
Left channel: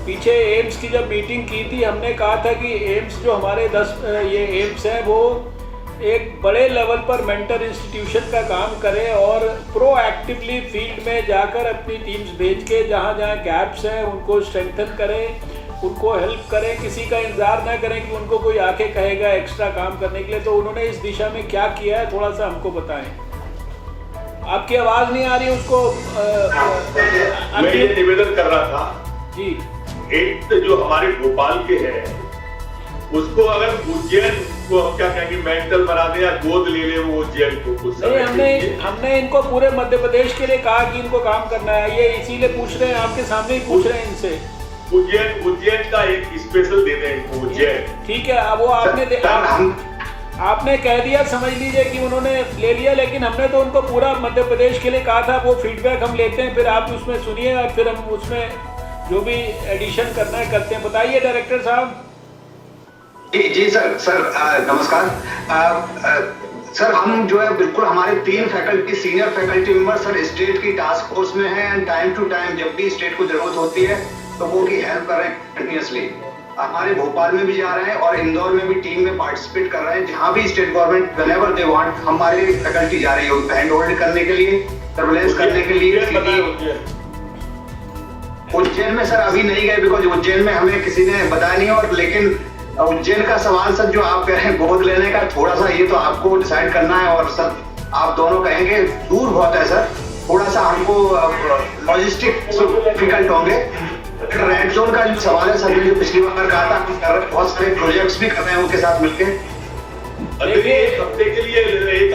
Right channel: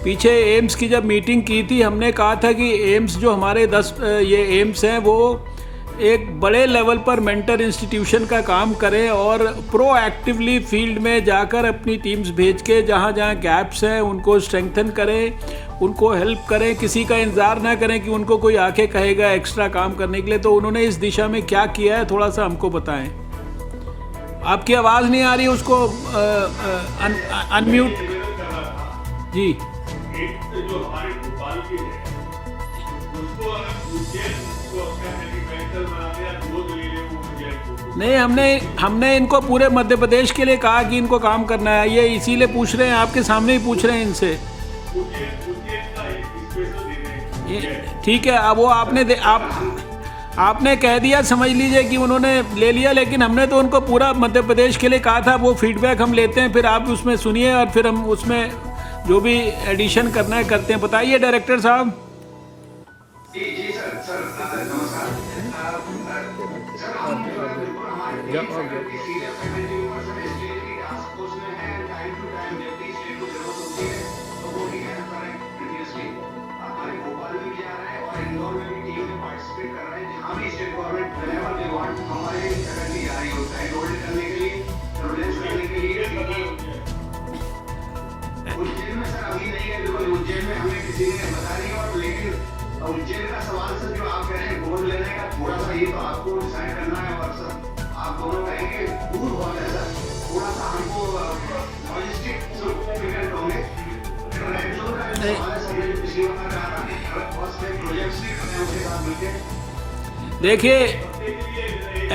पीछे एम्स की जब मीटिंग की थी, हमने कहा था कि एम्स जो हमारे 10 ये एम्स हैं वो एक बड़े लेवल पर मेंटर इंस्टीट्यूशन का काम करें और प्रोएक्टिवली फील्ड में जाकर अपनी टीम्स भेज के जहाँ जहाँ गैप्स हैं उनको स्ट्रेंथन करें, उनको हेल्प करें, किसी का इंतज़ार ना करें कि उनको कोई आके कहेगा एक्स्ट्रा काम करने के लिए। तो उन्होंने इस दिशा में क्या किया है थोड़ा सा हमको बताएं। आपकी आवाज़ नहीं आ रही, उसको मैं अनम्यूट। निवेदन कर रहा था जी, एक तो जो हमारे भोपाल के हैं उसको अगर उज्जैन को अब क्या कहेंगे मेंटल बना दे या गोद ले ले वो उज्जैन को कुछ नहीं, हमने इनको पूरे मध्य प्रदेश के लिए कहा कि इनको काम करना है, ये इसीलिए पूछ रहे हैं, आपके सामने ही पूछ रहे हैं इनसे। उज्जैन का एक स्पेशल दे दें इनको उज्जैन। ठीक है, अब वो आपने कह दिया, समझ लीजिए कि उन्होंने ले लिया, लेकिन हमने तो उनको पूरा मध्य प्रदेश के लिए कहा था। वो फीडबैक हम लेते हैं, फिर आप उसमें सुनिए और फिर हम उसमें जो भी एडिशन करना है करते हैं। बताइए डायरेक्टर साहब। जी सर नमस्कार। सर हम जो है बिल्कुल हमारे 3 faculty senior faculty member sir state की टास्क फोर्स में हैं एंड टाइम टू टाइम जब भी स्टेट को जरूरत होती है तो वो की हेल्प कर रहे हैं कंटिन्यूसली। हमारे भोपाल में भी जा रहे हैं और इंदौर में भी टीम में पार्टिसिपेट कर रहे हैं। जहाँ भी state government whenever they want हमारे फैकल्टी जा रही है उनको हैंड होल्ड करने के लिए, सर्विलेंस करने के लिए। उज्जैन में सर अभी नहीं गए बिकॉज उज्जैन में हमें किसी ने बताया नहीं। और लेकिन उज्जैन का सवाल सर जो आप कह रहे हैं गोद लेने का, थोड़ा सा ये तो आपको डिसाइड करना है। और सर आप दोनों कहेंगे दूर बहुत है सर, थोड़ा सा हमको लॉजिस्टिक डिफिकल्ट होंगे। रेड जोन का जो सवाल है सर, जो पिछली बार कहा था हम कर रहे बहुत सारे प्रोजेक्ट्स भी कर रहे हैं उनके साथ मिलकर। देखिए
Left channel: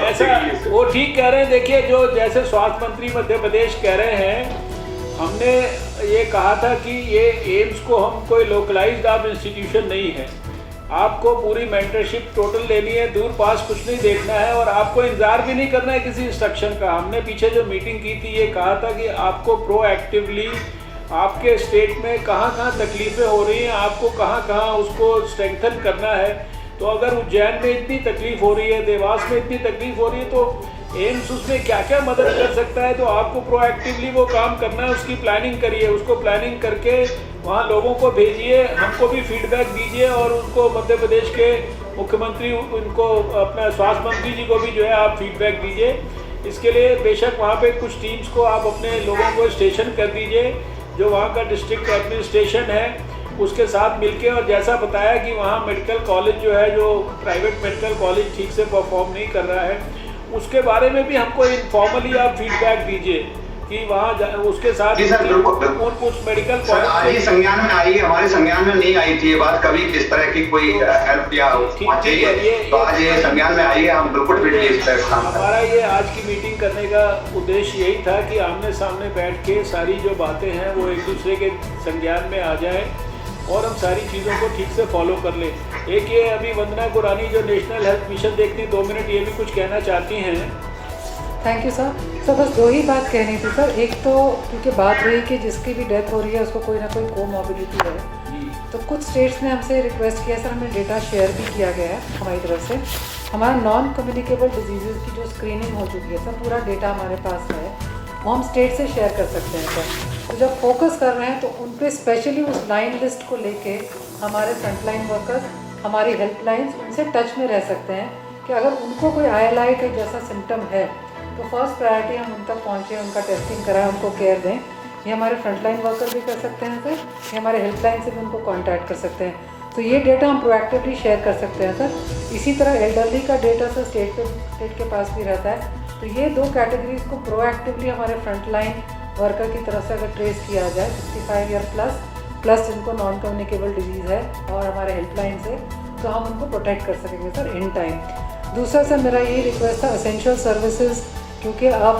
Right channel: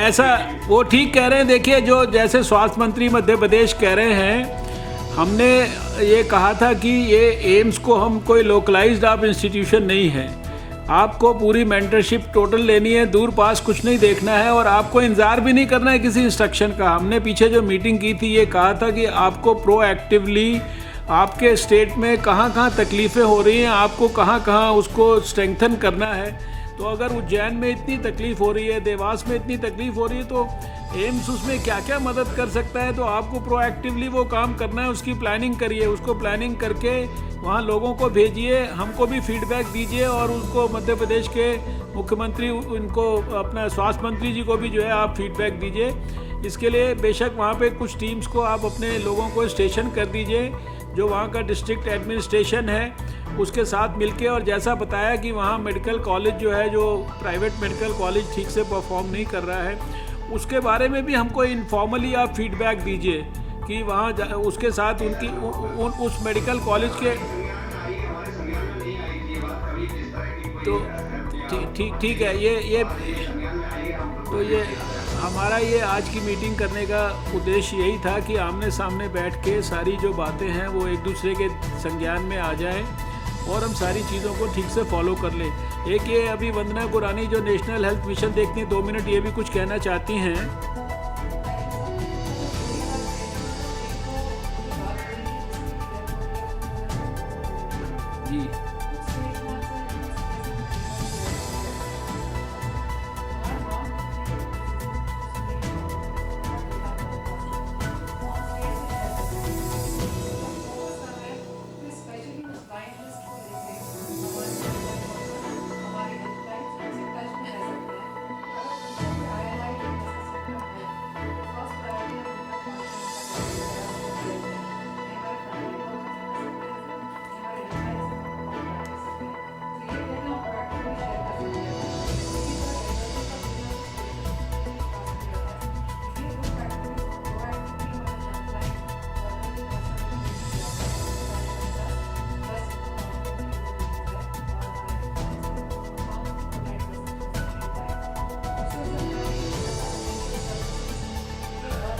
ऐसा वो ठीक कह रहे हैं। देखिए जो जैसे स्वास्थ्य मंत्री मध्य प्रदेश कह रहे हैं, हमने ये कहा था कि ये एम्स को हम कोई लोकलाइज्ड आप इंस्टीट्यूशन नहीं है, आपको पूरी मेंटरशिप टोटल लेनी है, दूर पास कुछ नहीं देखना है और आपको इंतजार भी नहीं करना है किसी इंस्ट्रक्शन का। हमने पीछे जो मीटिंग की थी ये कहा था कि आपको प्रोएक्टिवली आपके स्टेट में कहाँ कहाँ तकलीफ़ें हो रही हैं, आपको कहाँ कहाँ उसको स्ट्रेंथन करना है। तो अगर उज्जैन में इतनी तकलीफ हो रही है, देवास में इतनी तकलीफ हो रही है, तो एम्स उसमें क्या क्या मदद कर सकता है। तो आपको प्रोएक्टिवली वो काम करना है, उसकी प्लानिंग करिए, उसको प्लानिंग करके वहाँ लोगों को भेजिए, हमको भी फीडबैक दीजिए और उनको मध्य प्रदेश के मुख्यमंत्री उनको अपने स्वास्थ्य मंत्री जी को भी जो है आप फीडबैक दीजिए। इसके लिए बेशक वहाँ पे कुछ टीम्स को आप अपने लोगों को स्टेशन कर दीजिए, जो वहाँ का डिस्ट्रिक्ट एडमिनिस्ट्रेशन है उसके साथ मिलके। और जैसा बताया कि वहाँ मेडिकल कॉलेज जो है, जो प्राइवेट मेडिकल कॉलेज ठीक से परफॉर्म नहीं कर रहा है, उसके बारे में भी हमको इनफॉर्मली आप फीडबैक दीजिए कि वहाँ उसके साथ उस मेडिकल कॉलेज के संज्ञान में आई है, हमारे संज्ञान में नहीं आई थी ये बात कभी, किस तरह की कोई हेल्प या ठीक है। ये आज ये संज्ञान में आई है, हम बिल्कुल हमारा ये आज की मीटिंग करने का उद्देश्य यही था कि आमने सामने बैठ के सारी जो बातें हैं वो एक दूसरे के संज्ञान में आ जाएं और हम सारी चीज़ों को ठीक से फॉलो कर लें। एक ये अभी वंदना गुरानी जो नेशनल हेल्थ मिशन देखती है, 2 मिनट ये भी कुछ कहना चाहती हैं। Thank you sir. तो बस 2 ही बात कहनी थी सर। एक तो क्योंकि बात हुई कि जिसकी भी डेथ हो रही है उसको कोई ना कोई कोमॉर्बिडिटी है जी, तो कुछ स्टेट्स ने हमसे रिक्वेस्ट किया सर, हमें डेटा शेयर भी किया गया है हमारी तरफ से। हमारा नॉन कम्युनिकेबल डिजीज़ की जो स्क्रीनिंग हो चुकी है सर, पूरा डेटा हमारे पास है, वो हम स्टेट से शेयर कर सकते हैं सर। तो जब फोकस कर रहे हैं तो उन पर स्पेशली उस लाइन लिस्ट को लेके हमारे फ्रंटलाइन वर्कर्स, हमारी हेल्पलाइंस उनसे टच में रह सकते हैं कि अगर उनको कोई ILI का जैसा सिम्टम है तो फर्स्ट प्रायोरिटी हम उन तक पहुँचें, उनका टेस्टिंग कराएं, उनको केयर दें। ये हमारे फ्रंटलाइन वर्कर भी कर सकते हैं सर, ये हमारे हेल्पलाइन से भी उनको कॉन्टैक्ट कर सकते हैं। तो ये डेटा हम प्रोएक्टिवली शेयर कर सकते हैं सर। इसी तरह एल्डरली का डेटा सर स्टेट के पास भी रहता है। तो ये 2 कैटेगरीज को प्रोएक्टिवली हमारे फ्रंटलाइन वर्कर की तरफ से अगर ट्रेस किया जाए 65 ईयर प्लस जिनको नॉन कम्युनिकेबल डिजीज़ है और हमारे हेल्पलाइन से, तो हम उनको प्रोटेक्ट कर सकेंगे सर इन टाइम। दूसरा सर मेरा यही रिक्वेस्ट था, एसेंशियल सर्विसेज क्योंकि अब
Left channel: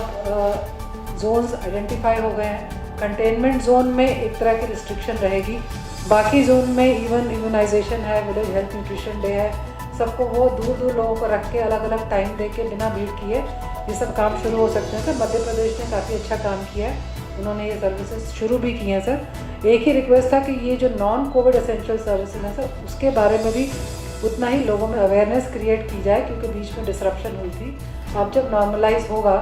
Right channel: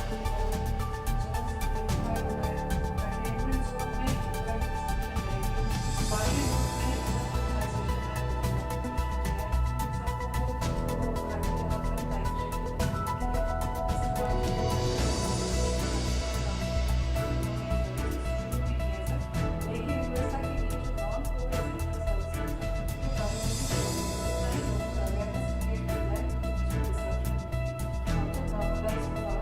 जोन्स आइडेंटिफाई हो गए हैं, कंटेनमेंट जोन में एक तरह की रिस्ट्रिक्शन रहेगी, बाकी जोन में इवन इम्यूनाइजेशन है, विलेज हेल्थ न्यूट्रिशन डे है, सबको वो दूर लोगों को रख के अलग अलग टाइम दे के बिना भीड़ किए ये सब काम शुरू हो सकते हैं सर। मध्य प्रदेश ने काफ़ी अच्छा काम किया है, उन्होंने ये सर्विसेज शुरू भी की हैं सर। एक ही रिक्वेस्ट था कि ये जो नॉन कोविड एसेंशियल सर्विसेज हैं सर, उसके बारे में भी उतना ही लोगों में अवेयरनेस क्रिएट की जाए क्योंकि बीच में डिसरप्शन हुई थी। अब जब नॉर्मलाइज होगा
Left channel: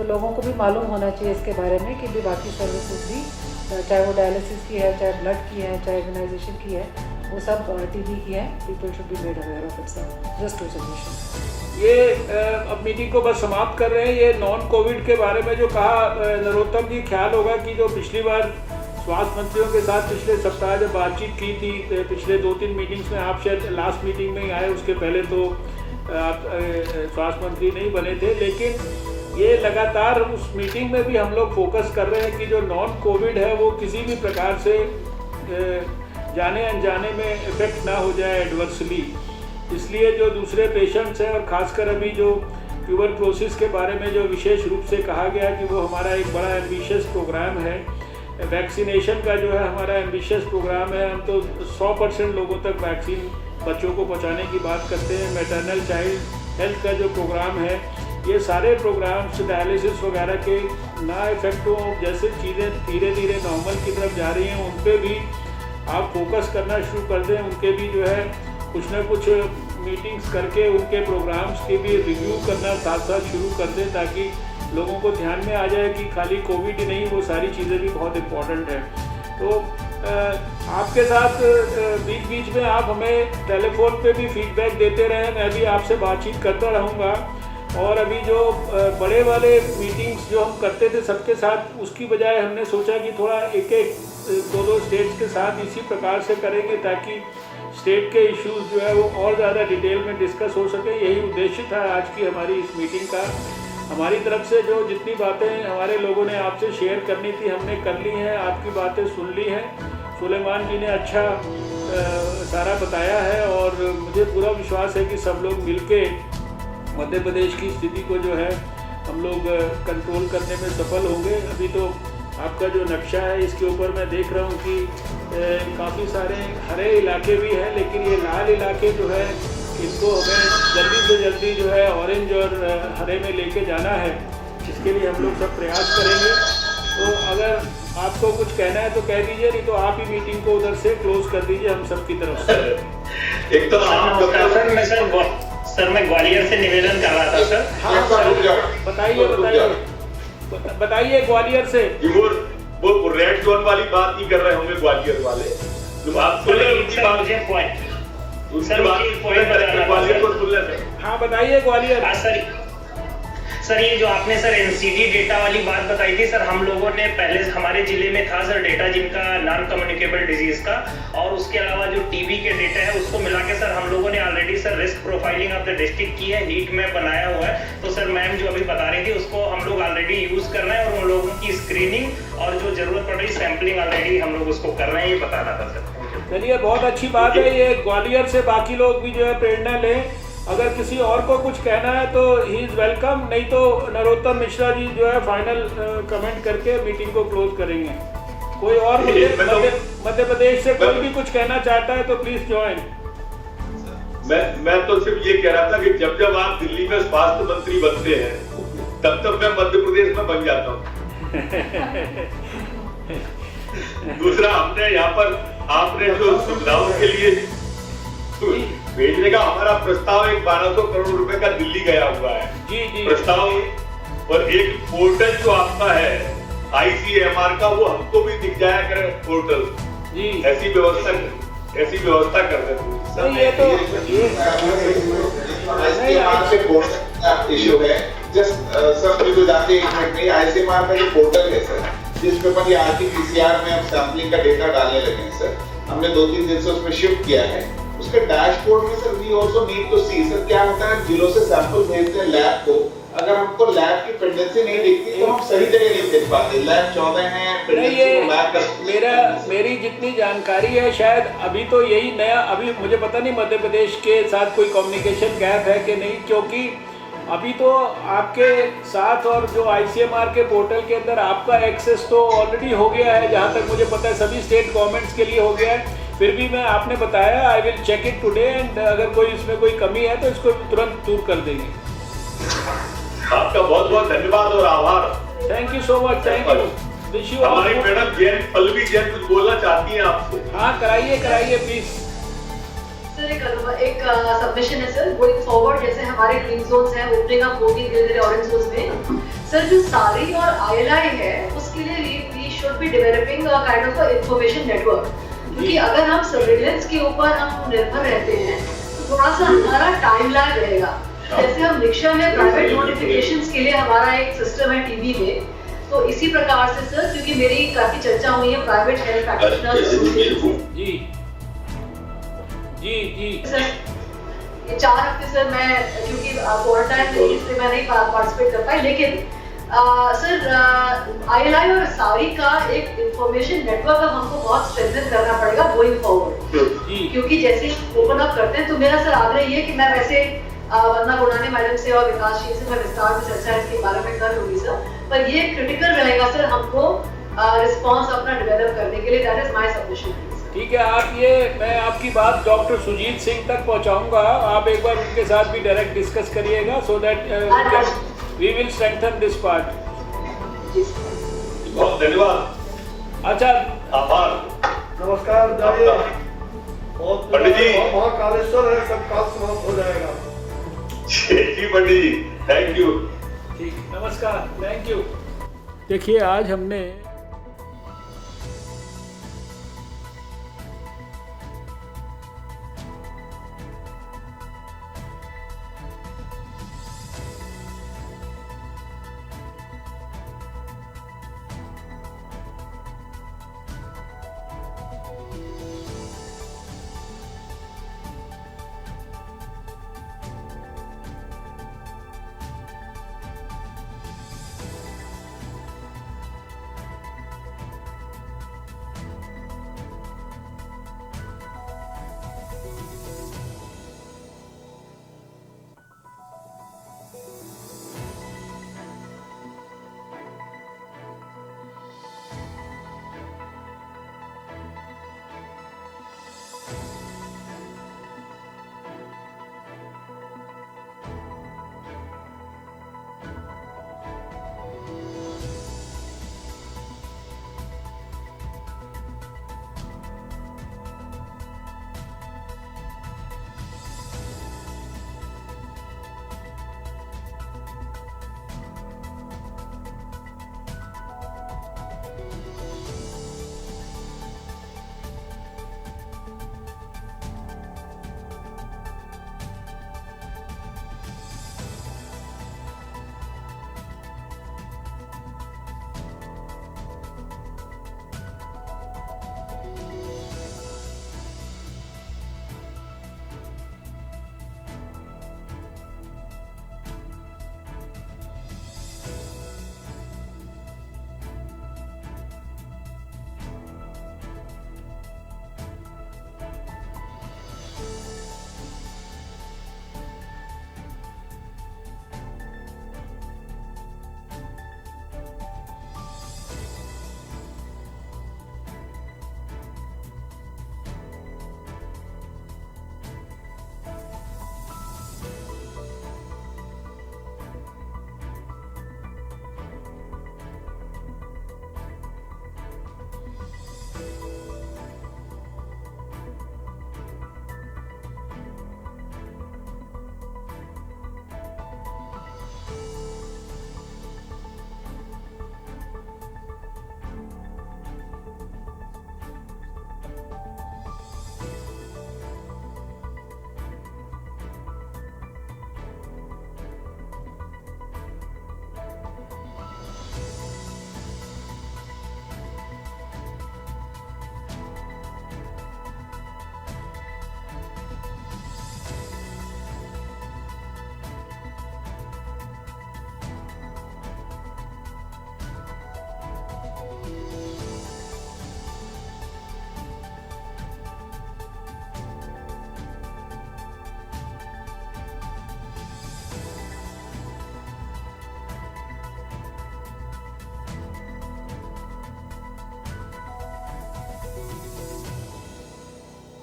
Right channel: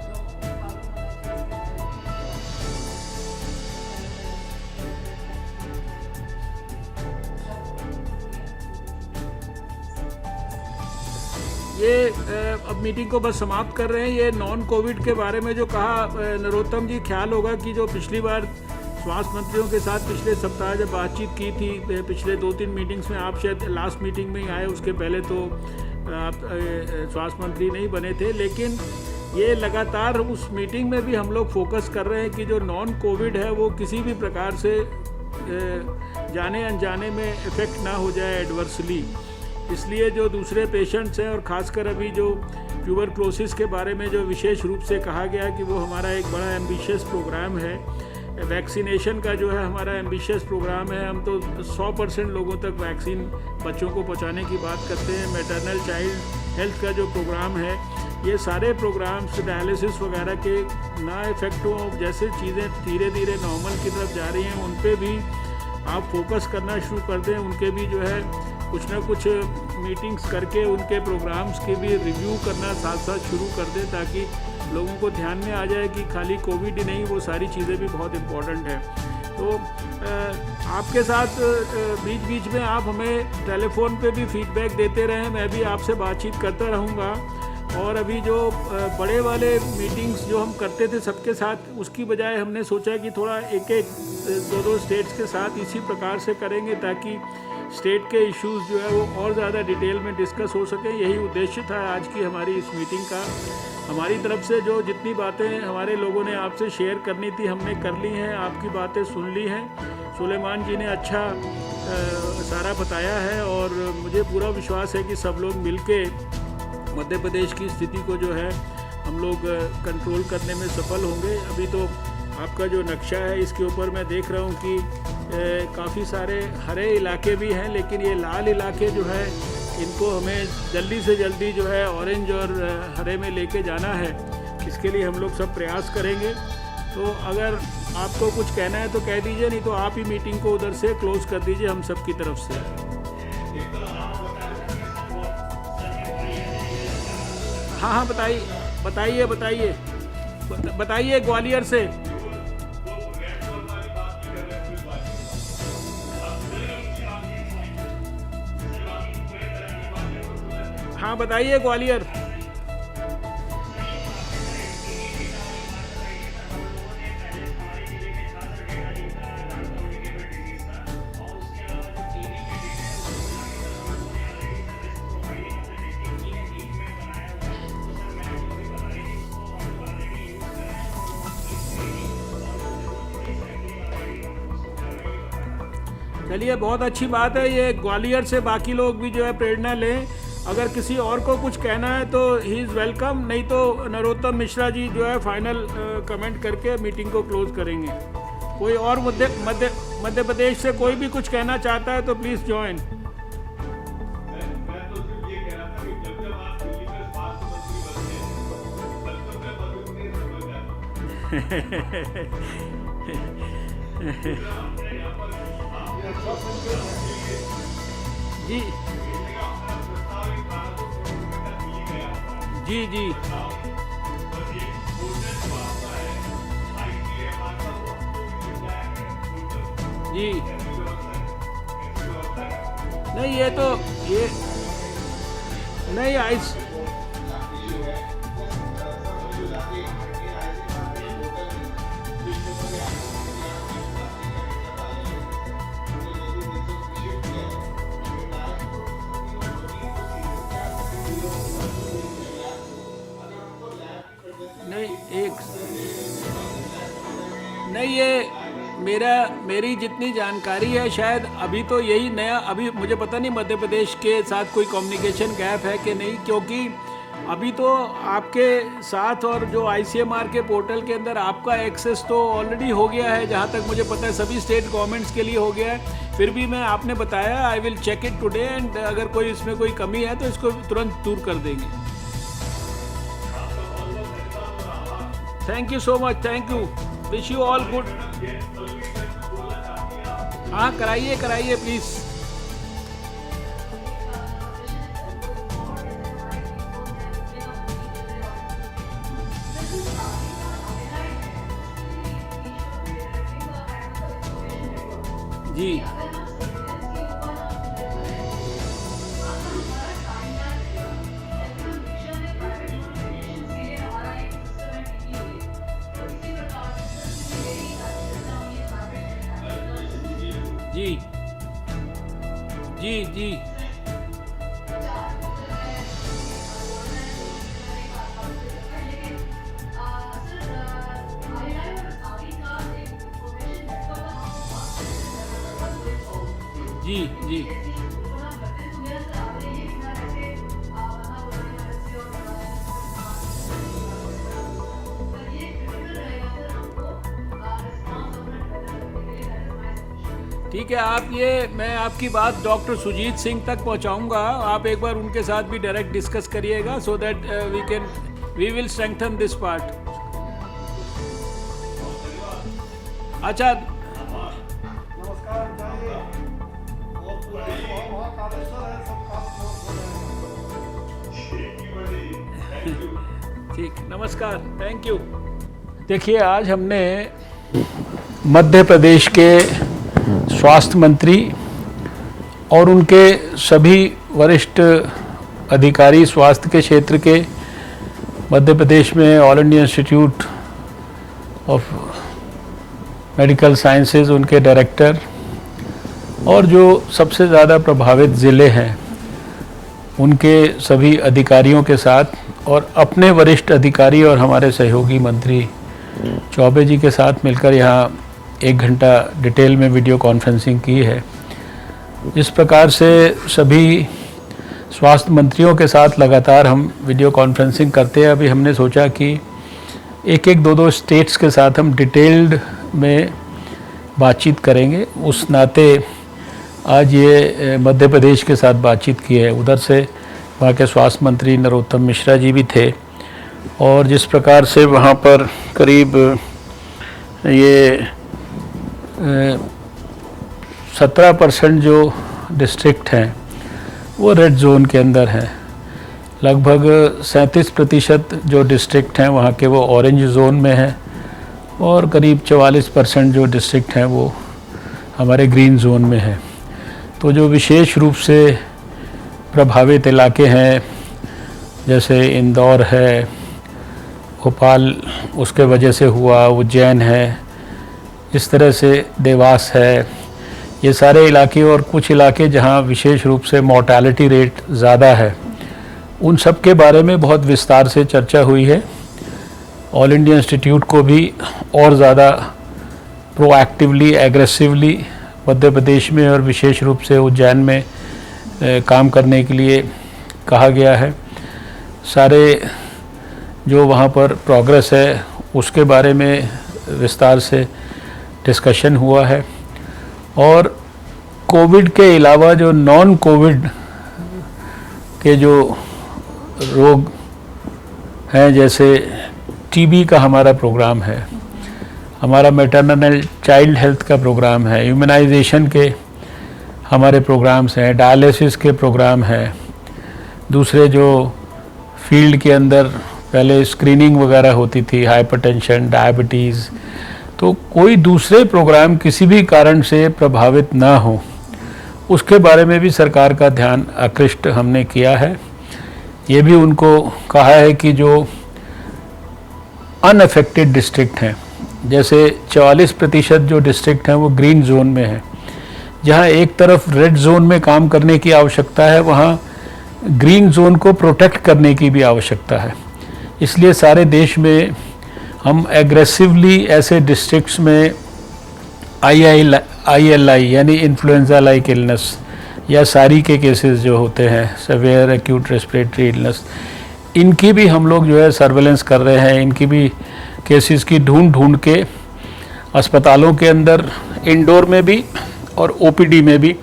तो लोगों को भी मालूम होना चाहिए इसके बारे में कि जो बाकी सर्विसेज भी, चाहे वो डायलिसिस की है, चाहे ब्लड की है, चाहे इम्यूनाइजेशन की है, वो सब टीबी की है। People should be made aware of it sir, just to suggestion. ये अब मीटिंग को बस समाप्त कर रहे हैं। ये नॉन कोविड के बारे में जो कहा नरोत्तम जी, ख्याल होगा कि जो पिछली बार स्वास्थ्य मंत्रियों के साथ पिछले सप्ताह जब बातचीत की थी, पिछले 2-3 मीटिंग्स में, आप शायद लास्ट मीटिंग में ही आए, उसके पहले तो आप स्वास्थ्य मंत्री नहीं बने थे, लेकिन ये लगातार उस मीटिंग में भी हम लोग फोकस कर रहे हैं कि जो नॉन कोविड है वो किसी भी प्रकार से जाने अनजाने में इफेक्ट ना हो जाए एडवर्सली। इसलिए जो दूसरे पेशेंट्स हैं, और ख़ासकर अभी जो ट्यूबरक्लोसिस के बारे में जो विशेष रूप से कहा गया कि वो हमारा एक बड़ा एम्बिशियस प्रोग्राम है, वैक्सीनेशन का जो है हमारा एम्बिशियस प्रोग्राम है। हम तो 100% लोगों तक वैक्सीन बच्चों को पहुंचाने की बात करते हैं। मैटरनल चाइल्ड हेल्थ का जो प्रोग्राम है, ये सारे प्रोग्राम्स डायलिसिस वगैरह के ना इफेक्ट हो, जैसे चीज़ें धीरे धीरे नॉर्मल की तरफ जा रही हैं, उन पर भी आप फोकस करना शुरू कर दें। उनके भी जो है कुछ ना कुछ मीटिंग्स करके उनके प्रोग्राम्स की भी रिव्यू करना साथ साथ शुरू कर दें, ताकि लोगों को ध्यान में आ जाए कि खाली कोविड ही नहीं, वो सारी चीज़ें भी बहुत इम्पोर्टेंट है। तो आपके साथ बीच बीच में आप हमें टेलीफोन पे भी फीडबैक देते रहें, मैं भी आपसे बातचीत करता रहूँगा। और अभी जो बड़े वाले मीटिंग्स जो हम करते थे सबके साथ, उसकी बजाय हमने सोचा कि थोड़ा एक एक 2-2 स्टेट्स के साथ इसी प्रकार से करेंगे, ताकि स्टेट के इश्यूज जो है वो और ज़्यादा डिटेल में डिस्कस हो सके। यही उद्देश्य था आज की हमारी इस मीटिंग का। हमारी तरफ से जो जितनी बातें हमारे लोगों ने आपसे शेयर करनी थी हमने कर ली हैं, आपकी बातें सुन ली हैं। सुलेमान जी ने अच्छा सारा बताया है, और मुझे पूरा विश्वास है कि सब लोग मिलके मध्य प्रदेश की स्थिति को जो है हम लोग कंट्रोल करने में सफल होंगे। अभी तो आपका जो नक्शा है, इसके ऊपर मैं देख रहा हूँ कि काफ़ी सारे हरे इलाके भी हैं, लेकिन ये लाल इलाके जो है इनको हमें जल्दी से जल्दी जो है ऑरेंज और हरे में लेके जाना है। इसके लिए हम लोग सब प्रयास करेंगे। तो अगर आपको कुछ कहना है तो कह दीजिए, नहीं तो आप ही मीटिंग को उधर से क्लोज कर दीजिए हम सब की तरफ से। एक तो सर मैं ग्वालियर से निवेदन कर रहा था सर। हाँ बताइए ग्वालियर से। वो रेड जोन वाली बात नहीं कर रहे होंगे ग्वालियर वाले, तो आप हाँ बताइए ग्वालियर। सर ये जो आपने सर एनसीडी डेटा वाली बात बताई थी सर, हम लोगों ने पहले हमारे जिले में था सर डेटा जिनका नॉन कम्युनिकेबल डिजीज का, और उसके अलावा जो टीबी के डेटा है उसको मिला के सर हम लोगों ने already sir risk profiling of the district की है, हीट मैप बनाया हुआ है। तो सर मैम जो अभी बता रही थी उसको हम लोग ऑलरेडी यूज कर रहे हैं, और उन लोगों की स्क्रीनिंग और जो जरूरत पड़ रही सैंपलिंग ऑलरेडी हम लोग उसको कर रहे हैं, ये बताना था सर। चलिए बहुत अच्छी बात है ये। ग्वालियर से बाकी लोग भी जो है प्रेरणा लें। अगर किसी और को कुछ कहना है तो ही इज़ वेलकम, नहीं तो नरोत्तम मिश्रा जी जो है फाइनल कमेंट करके मीटिंग को क्लोज करेंगे। कोई और मध्य प्रदेश से कोई भी कुछ कहना चाहता है तो प्लीज ज्वाइन। मैं तो सिर्फ ये कह रहा था कि जब जब आप दिल्ली में स्वास्थ्य मंत्री बनते हैं तब तब मैं मध्य प्रदेश में बन जाता हूँ। दूसरा, हमने यहाँ पर आपने जो सुविधाओं के लिए भेजने का हमारा प्रस्ताव एक 1200 करोड़ रुपए का दिल्ली गया हुआ है। जी प्रस्ताव, और एक पोर्टल जो आपका है ICMR का, वो हमको भी दिख जाया करे पोर्टल जी। ऐसी व्यवस्था कर देते। नहीं ये तो इशू है। जस्ट सब मुझे जाते एक मिनट में ICMR का जो पोर्टल है सर, जिस पे पर RT-PCR में हम सैंपलिंग का डेटा डालने लगे हैं सर, हमने 2-3 दिन से उसमें शिफ्ट किया है। उसके डैशबोर्ड में sir we also need to see sir क्या होता है, जिलों से सैंपल भेजते हैं लैब को, अगर हमको लैब की पेंडेंसी नहीं दिखती तो हम सही जगह नहीं भेज पाते। लैब 14 है, मेरी जितनी जानकारी है शायद अभी तो यही नया, अभी मुझे पता नहीं मध्य प्रदेश के साथ कोई कम्युनिकेशन गैप है कि नहीं, क्योंकि अभी तो आपके साथ और जो ICMR के पोर्टल के अंदर आपका एक्सेस तो ऑलरेडी हो गया है, जहाँ तक मुझे पता है सभी स्टेट गवर्नमेंट्स के लिए हो गया है। फिर भी मैं आपने बताया I will check it today, and अगर कोई इसमें कोई कमी है तो इसको तुरंत दूर कर देंगे। आपका बहुत बहुत धन्यवाद और आभार। Thank you so much. Thank you. Wish you all. Madam Pallavi Jain कुछ बोलना चाहती हैं आपको? हाँ कराइए प्लीज। सर एक सबमिशन है सर, गोइंग फॉरवर्ड जैसे हमारे ग्रीन जोन्स हैं, ओपनिंग अप होगी धीरे धीरे ऑरेंज जोन्स में। सर जो सारी और आईएलआई है उसके लिए we should be developing a kind of information network, क्योंकि अगर हम सर्विलेंस के ऊपर हम निर्भर रहते हैं तो थोड़ा सा हमारा टाइम लैग रहेगा। जैसे हम रिक्शा में प्राइवेट नोटिफिकेशंस के लिए हमारा एक सिस्टम है टीवी में, तो इसी प्रकार से सर, क्योंकि मेरी काफी चर्चा हुई है प्राइवेट हेल्थ प्रैक्टिशनर्स जी जी जी सर, ये 4 हफ्ते सर मैं क्योंकि क्वारंटाइन थी इसलिए मैं नहीं पार्टिसिपेट कर पाई, लेकिन सर आईएलआई और सारी का एक इंफॉर्मेशन नेटवर्क हमको बहुत स्ट्रेंथन करना पड़ेगा गोइंग फॉरवर्ड, क्योंकि जैसे ओपन अप करते हैं तो मेरा सर आग्रह ये कि मैं वैसे वंदना गुड़ानी मैडम से और विकास जी से मैं विस्तार से चर्चा इसके बारे में कर लूंगी सर, पर ये क्रिटिकल रहेगा सर हमको रिस्पांस अपना डेवलप करने के लिए। That is my submission. ठीक है, आप ये मैं आपकी बात डॉक्टर सुजीत सिंह तक पहुंचाऊंगा, आप एक बार उनके साथ भी डायरेक्ट डिस्कस करिएगा, so that we will strengthen this part. बहुत धन्यवाद। अच्छा, आभार। नमस्कार पंडित जी। महाकालेश्वर है, सब काम समाप्त हो जाएगा। जी पंडित जी, थैंक यू। ठीक, नमस्कार, थैंक यू। देखिए, आज हमने मध्य प्रदेश के स्वास्थ्य मंत्री और उनके सभी वरिष्ठ अधिकारी स्वास्थ्य के क्षेत्र के, मध्य प्रदेश में all India institute of medical sciences उनके डायरेक्टर और जो सबसे ज़्यादा प्रभावित ज़िले हैं उनके सभी अधिकारियों के साथ और अपने वरिष्ठ अधिकारी और हमारे सहयोगी मंत्री चौबे जी के साथ मिलकर यहाँ 1 घंटा डिटेल में वीडियो कॉन्फ्रेंसिंग की है। इस प्रकार से सभी स्वास्थ्य मंत्रियों के साथ लगातार हम वीडियो कॉन्फ्रेंसिंग करते हैं। अभी हमने सोचा कि एक 2 स्टेट्स के साथ हम डिटेल्ड में बातचीत करेंगे, उस नाते आज ये मध्य प्रदेश के साथ बातचीत की है। उधर से वहाँ के स्वास्थ्य मंत्री नरोत्तम मिश्रा जी भी थे और जिस प्रकार से वहाँ पर करीब ये 17% जो डिस्ट्रिक्ट हैं वो रेड जोन के अंदर हैं, लगभग 37% जो डिस्ट्रिक्ट हैं वहाँ के वो ऑरेंज जोन में हैं और करीब 44% जो डिस्ट्रिक्ट हैं वो हमारे ग्रीन जोन में हैं। तो जो विशेष रूप से प्रभावित इलाके हैं जैसे इंदौर है, भोपाल उसके वजह से हुआ, उज्जैन है, इस तरह से देवास है, ये सारे इलाके और कुछ इलाके जहां विशेष रूप से मॉर्टेलिटी रेट ज़्यादा है, उन सब के बारे में बहुत विस्तार से चर्चा हुई है। ऑल इंडिया इंस्टीट्यूट को भी और ज़्यादा प्रोएक्टिवली, एग्रेसिवली मध्य प्रदेश में और विशेष रूप से उज्जैन में काम करने के लिए कहा गया है। सारे जो वहाँ पर प्रोग्रेस है उसके बारे में विस्तार से डिस्कशन हुआ है और कोविड के अलावा जो नॉन कोविड के जो रोग हैं, जैसे टीबी का हमारा प्रोग्राम है, हमारा मैटरनल चाइल्ड हेल्थ का प्रोग्राम है, इम्यूनाइजेशन के हमारे प्रोग्राम्स हैं, डायलिसिस के प्रोग्राम हैं, दूसरे जो फील्ड के अंदर पहले स्क्रीनिंग वगैरह होती थी, हाइपरटेंशन, डायबिटीज़, तो कोई दूसरे प्रोग्राम किसी भी कारण से प्रभावित ना हो उसके बारे में भी सरकार का ध्यान आकृष्ट हमने किया है। ये भी उनको कहा है कि जो अनअफेक्टेड डिस्ट्रिक्ट हैं, जैसे 44% जो डिस्ट्रिक्ट हैं वो ग्रीन जोन में हैं, जहाँ एक तरफ रेड जोन में काम करने की आवश्यकता है, वहाँ ग्रीन जोन को प्रोटेक्ट करने की भी आवश्यकता है। इसलिए सारे देश में हम एग्रेसिवली ऐसे डिस्ट्रिक्ट्स में ILI यानी इन्फ्लुएंजा लाइक इलनेस या सारी के केसेस जो होते हैं, सेवियर एक्यूट रेस्पिरेटरी इलनेस, इनकी भी हम लोग जो है सर्वेलेंस कर रहे हैं। इनकी भी केसेस की ढूंढ के अस्पतालों के अंदर, इंडोर में भी और OPD में भी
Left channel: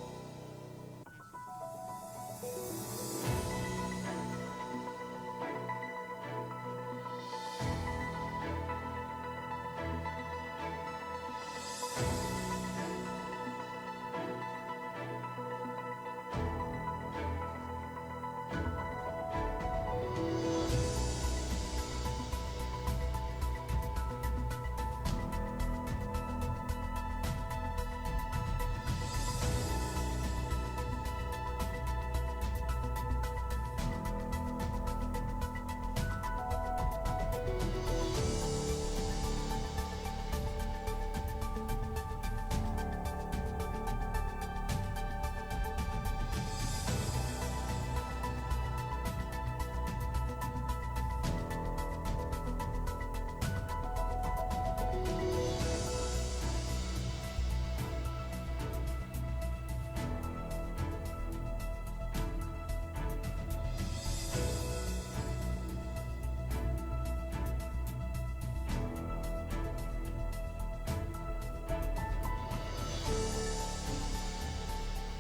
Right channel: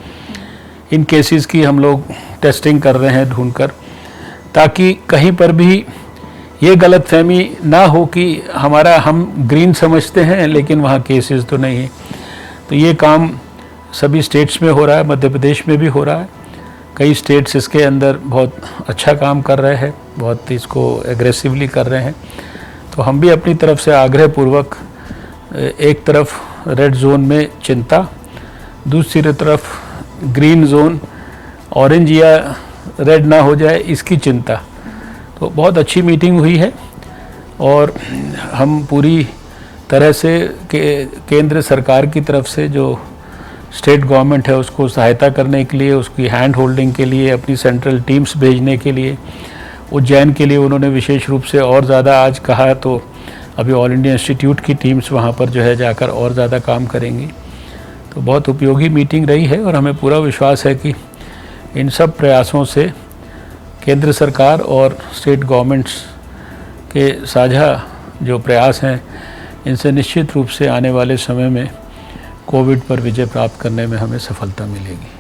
इन केसेस की हम लोग टेस्टिंग कर रहे हैं ढूंढकर, ताकि कहीं पर भी ये गलतफहमी ना हो कि हम ग्रीन समझते हैं लेकिन वहाँ केसेस तो नहीं है। तो ये काम सभी स्टेट्स में हो रहा है, मध्य प्रदेश में भी हो रहा है कई स्टेट्स इसके अंदर बहुत अच्छा काम कर रहे हैं, बहुत इसको एग्रेसिवली कर रहे हैं। तो हम भी अपनी तरफ से आग्रहपूर्वक एक तरफ रेड जोन में चिंता, दूसरी तरफ ग्रीन जोन, ऑरेंज या रेड ना हो जाए इसकी चिंता। तो बहुत अच्छी मीटिंग हुई है और हम पूरी तरह से केंद्र सरकार की तरफ से जो स्टेट गवर्नमेंट है उसको सहायता करने के लिए, उसकी हैंड होल्डिंग के लिए, अपनी सेंट्रल टीम्स भेजने के लिए, उज्जैन के लिए उन्होंने विशेष रूप से और ज़्यादा आज कहा, तो अभी ऑल इंडिया इंस्टीट्यूट की टीम्स वहाँ पर जो है जाकर और ज़्यादा काम करेंगी। तो बहुत उपयोगी मीटिंग रही है और हमें पूरा विश्वास है कि इन सब प्रयासों से केंद्र सरकार और स्टेट गवर्नमेंट्स के साझा जो प्रयास हैं इनसे निश्चित रूप से आने वाले समय में कोविड पर विजय प्राप्त करने में हमें सफलता मिलेगी।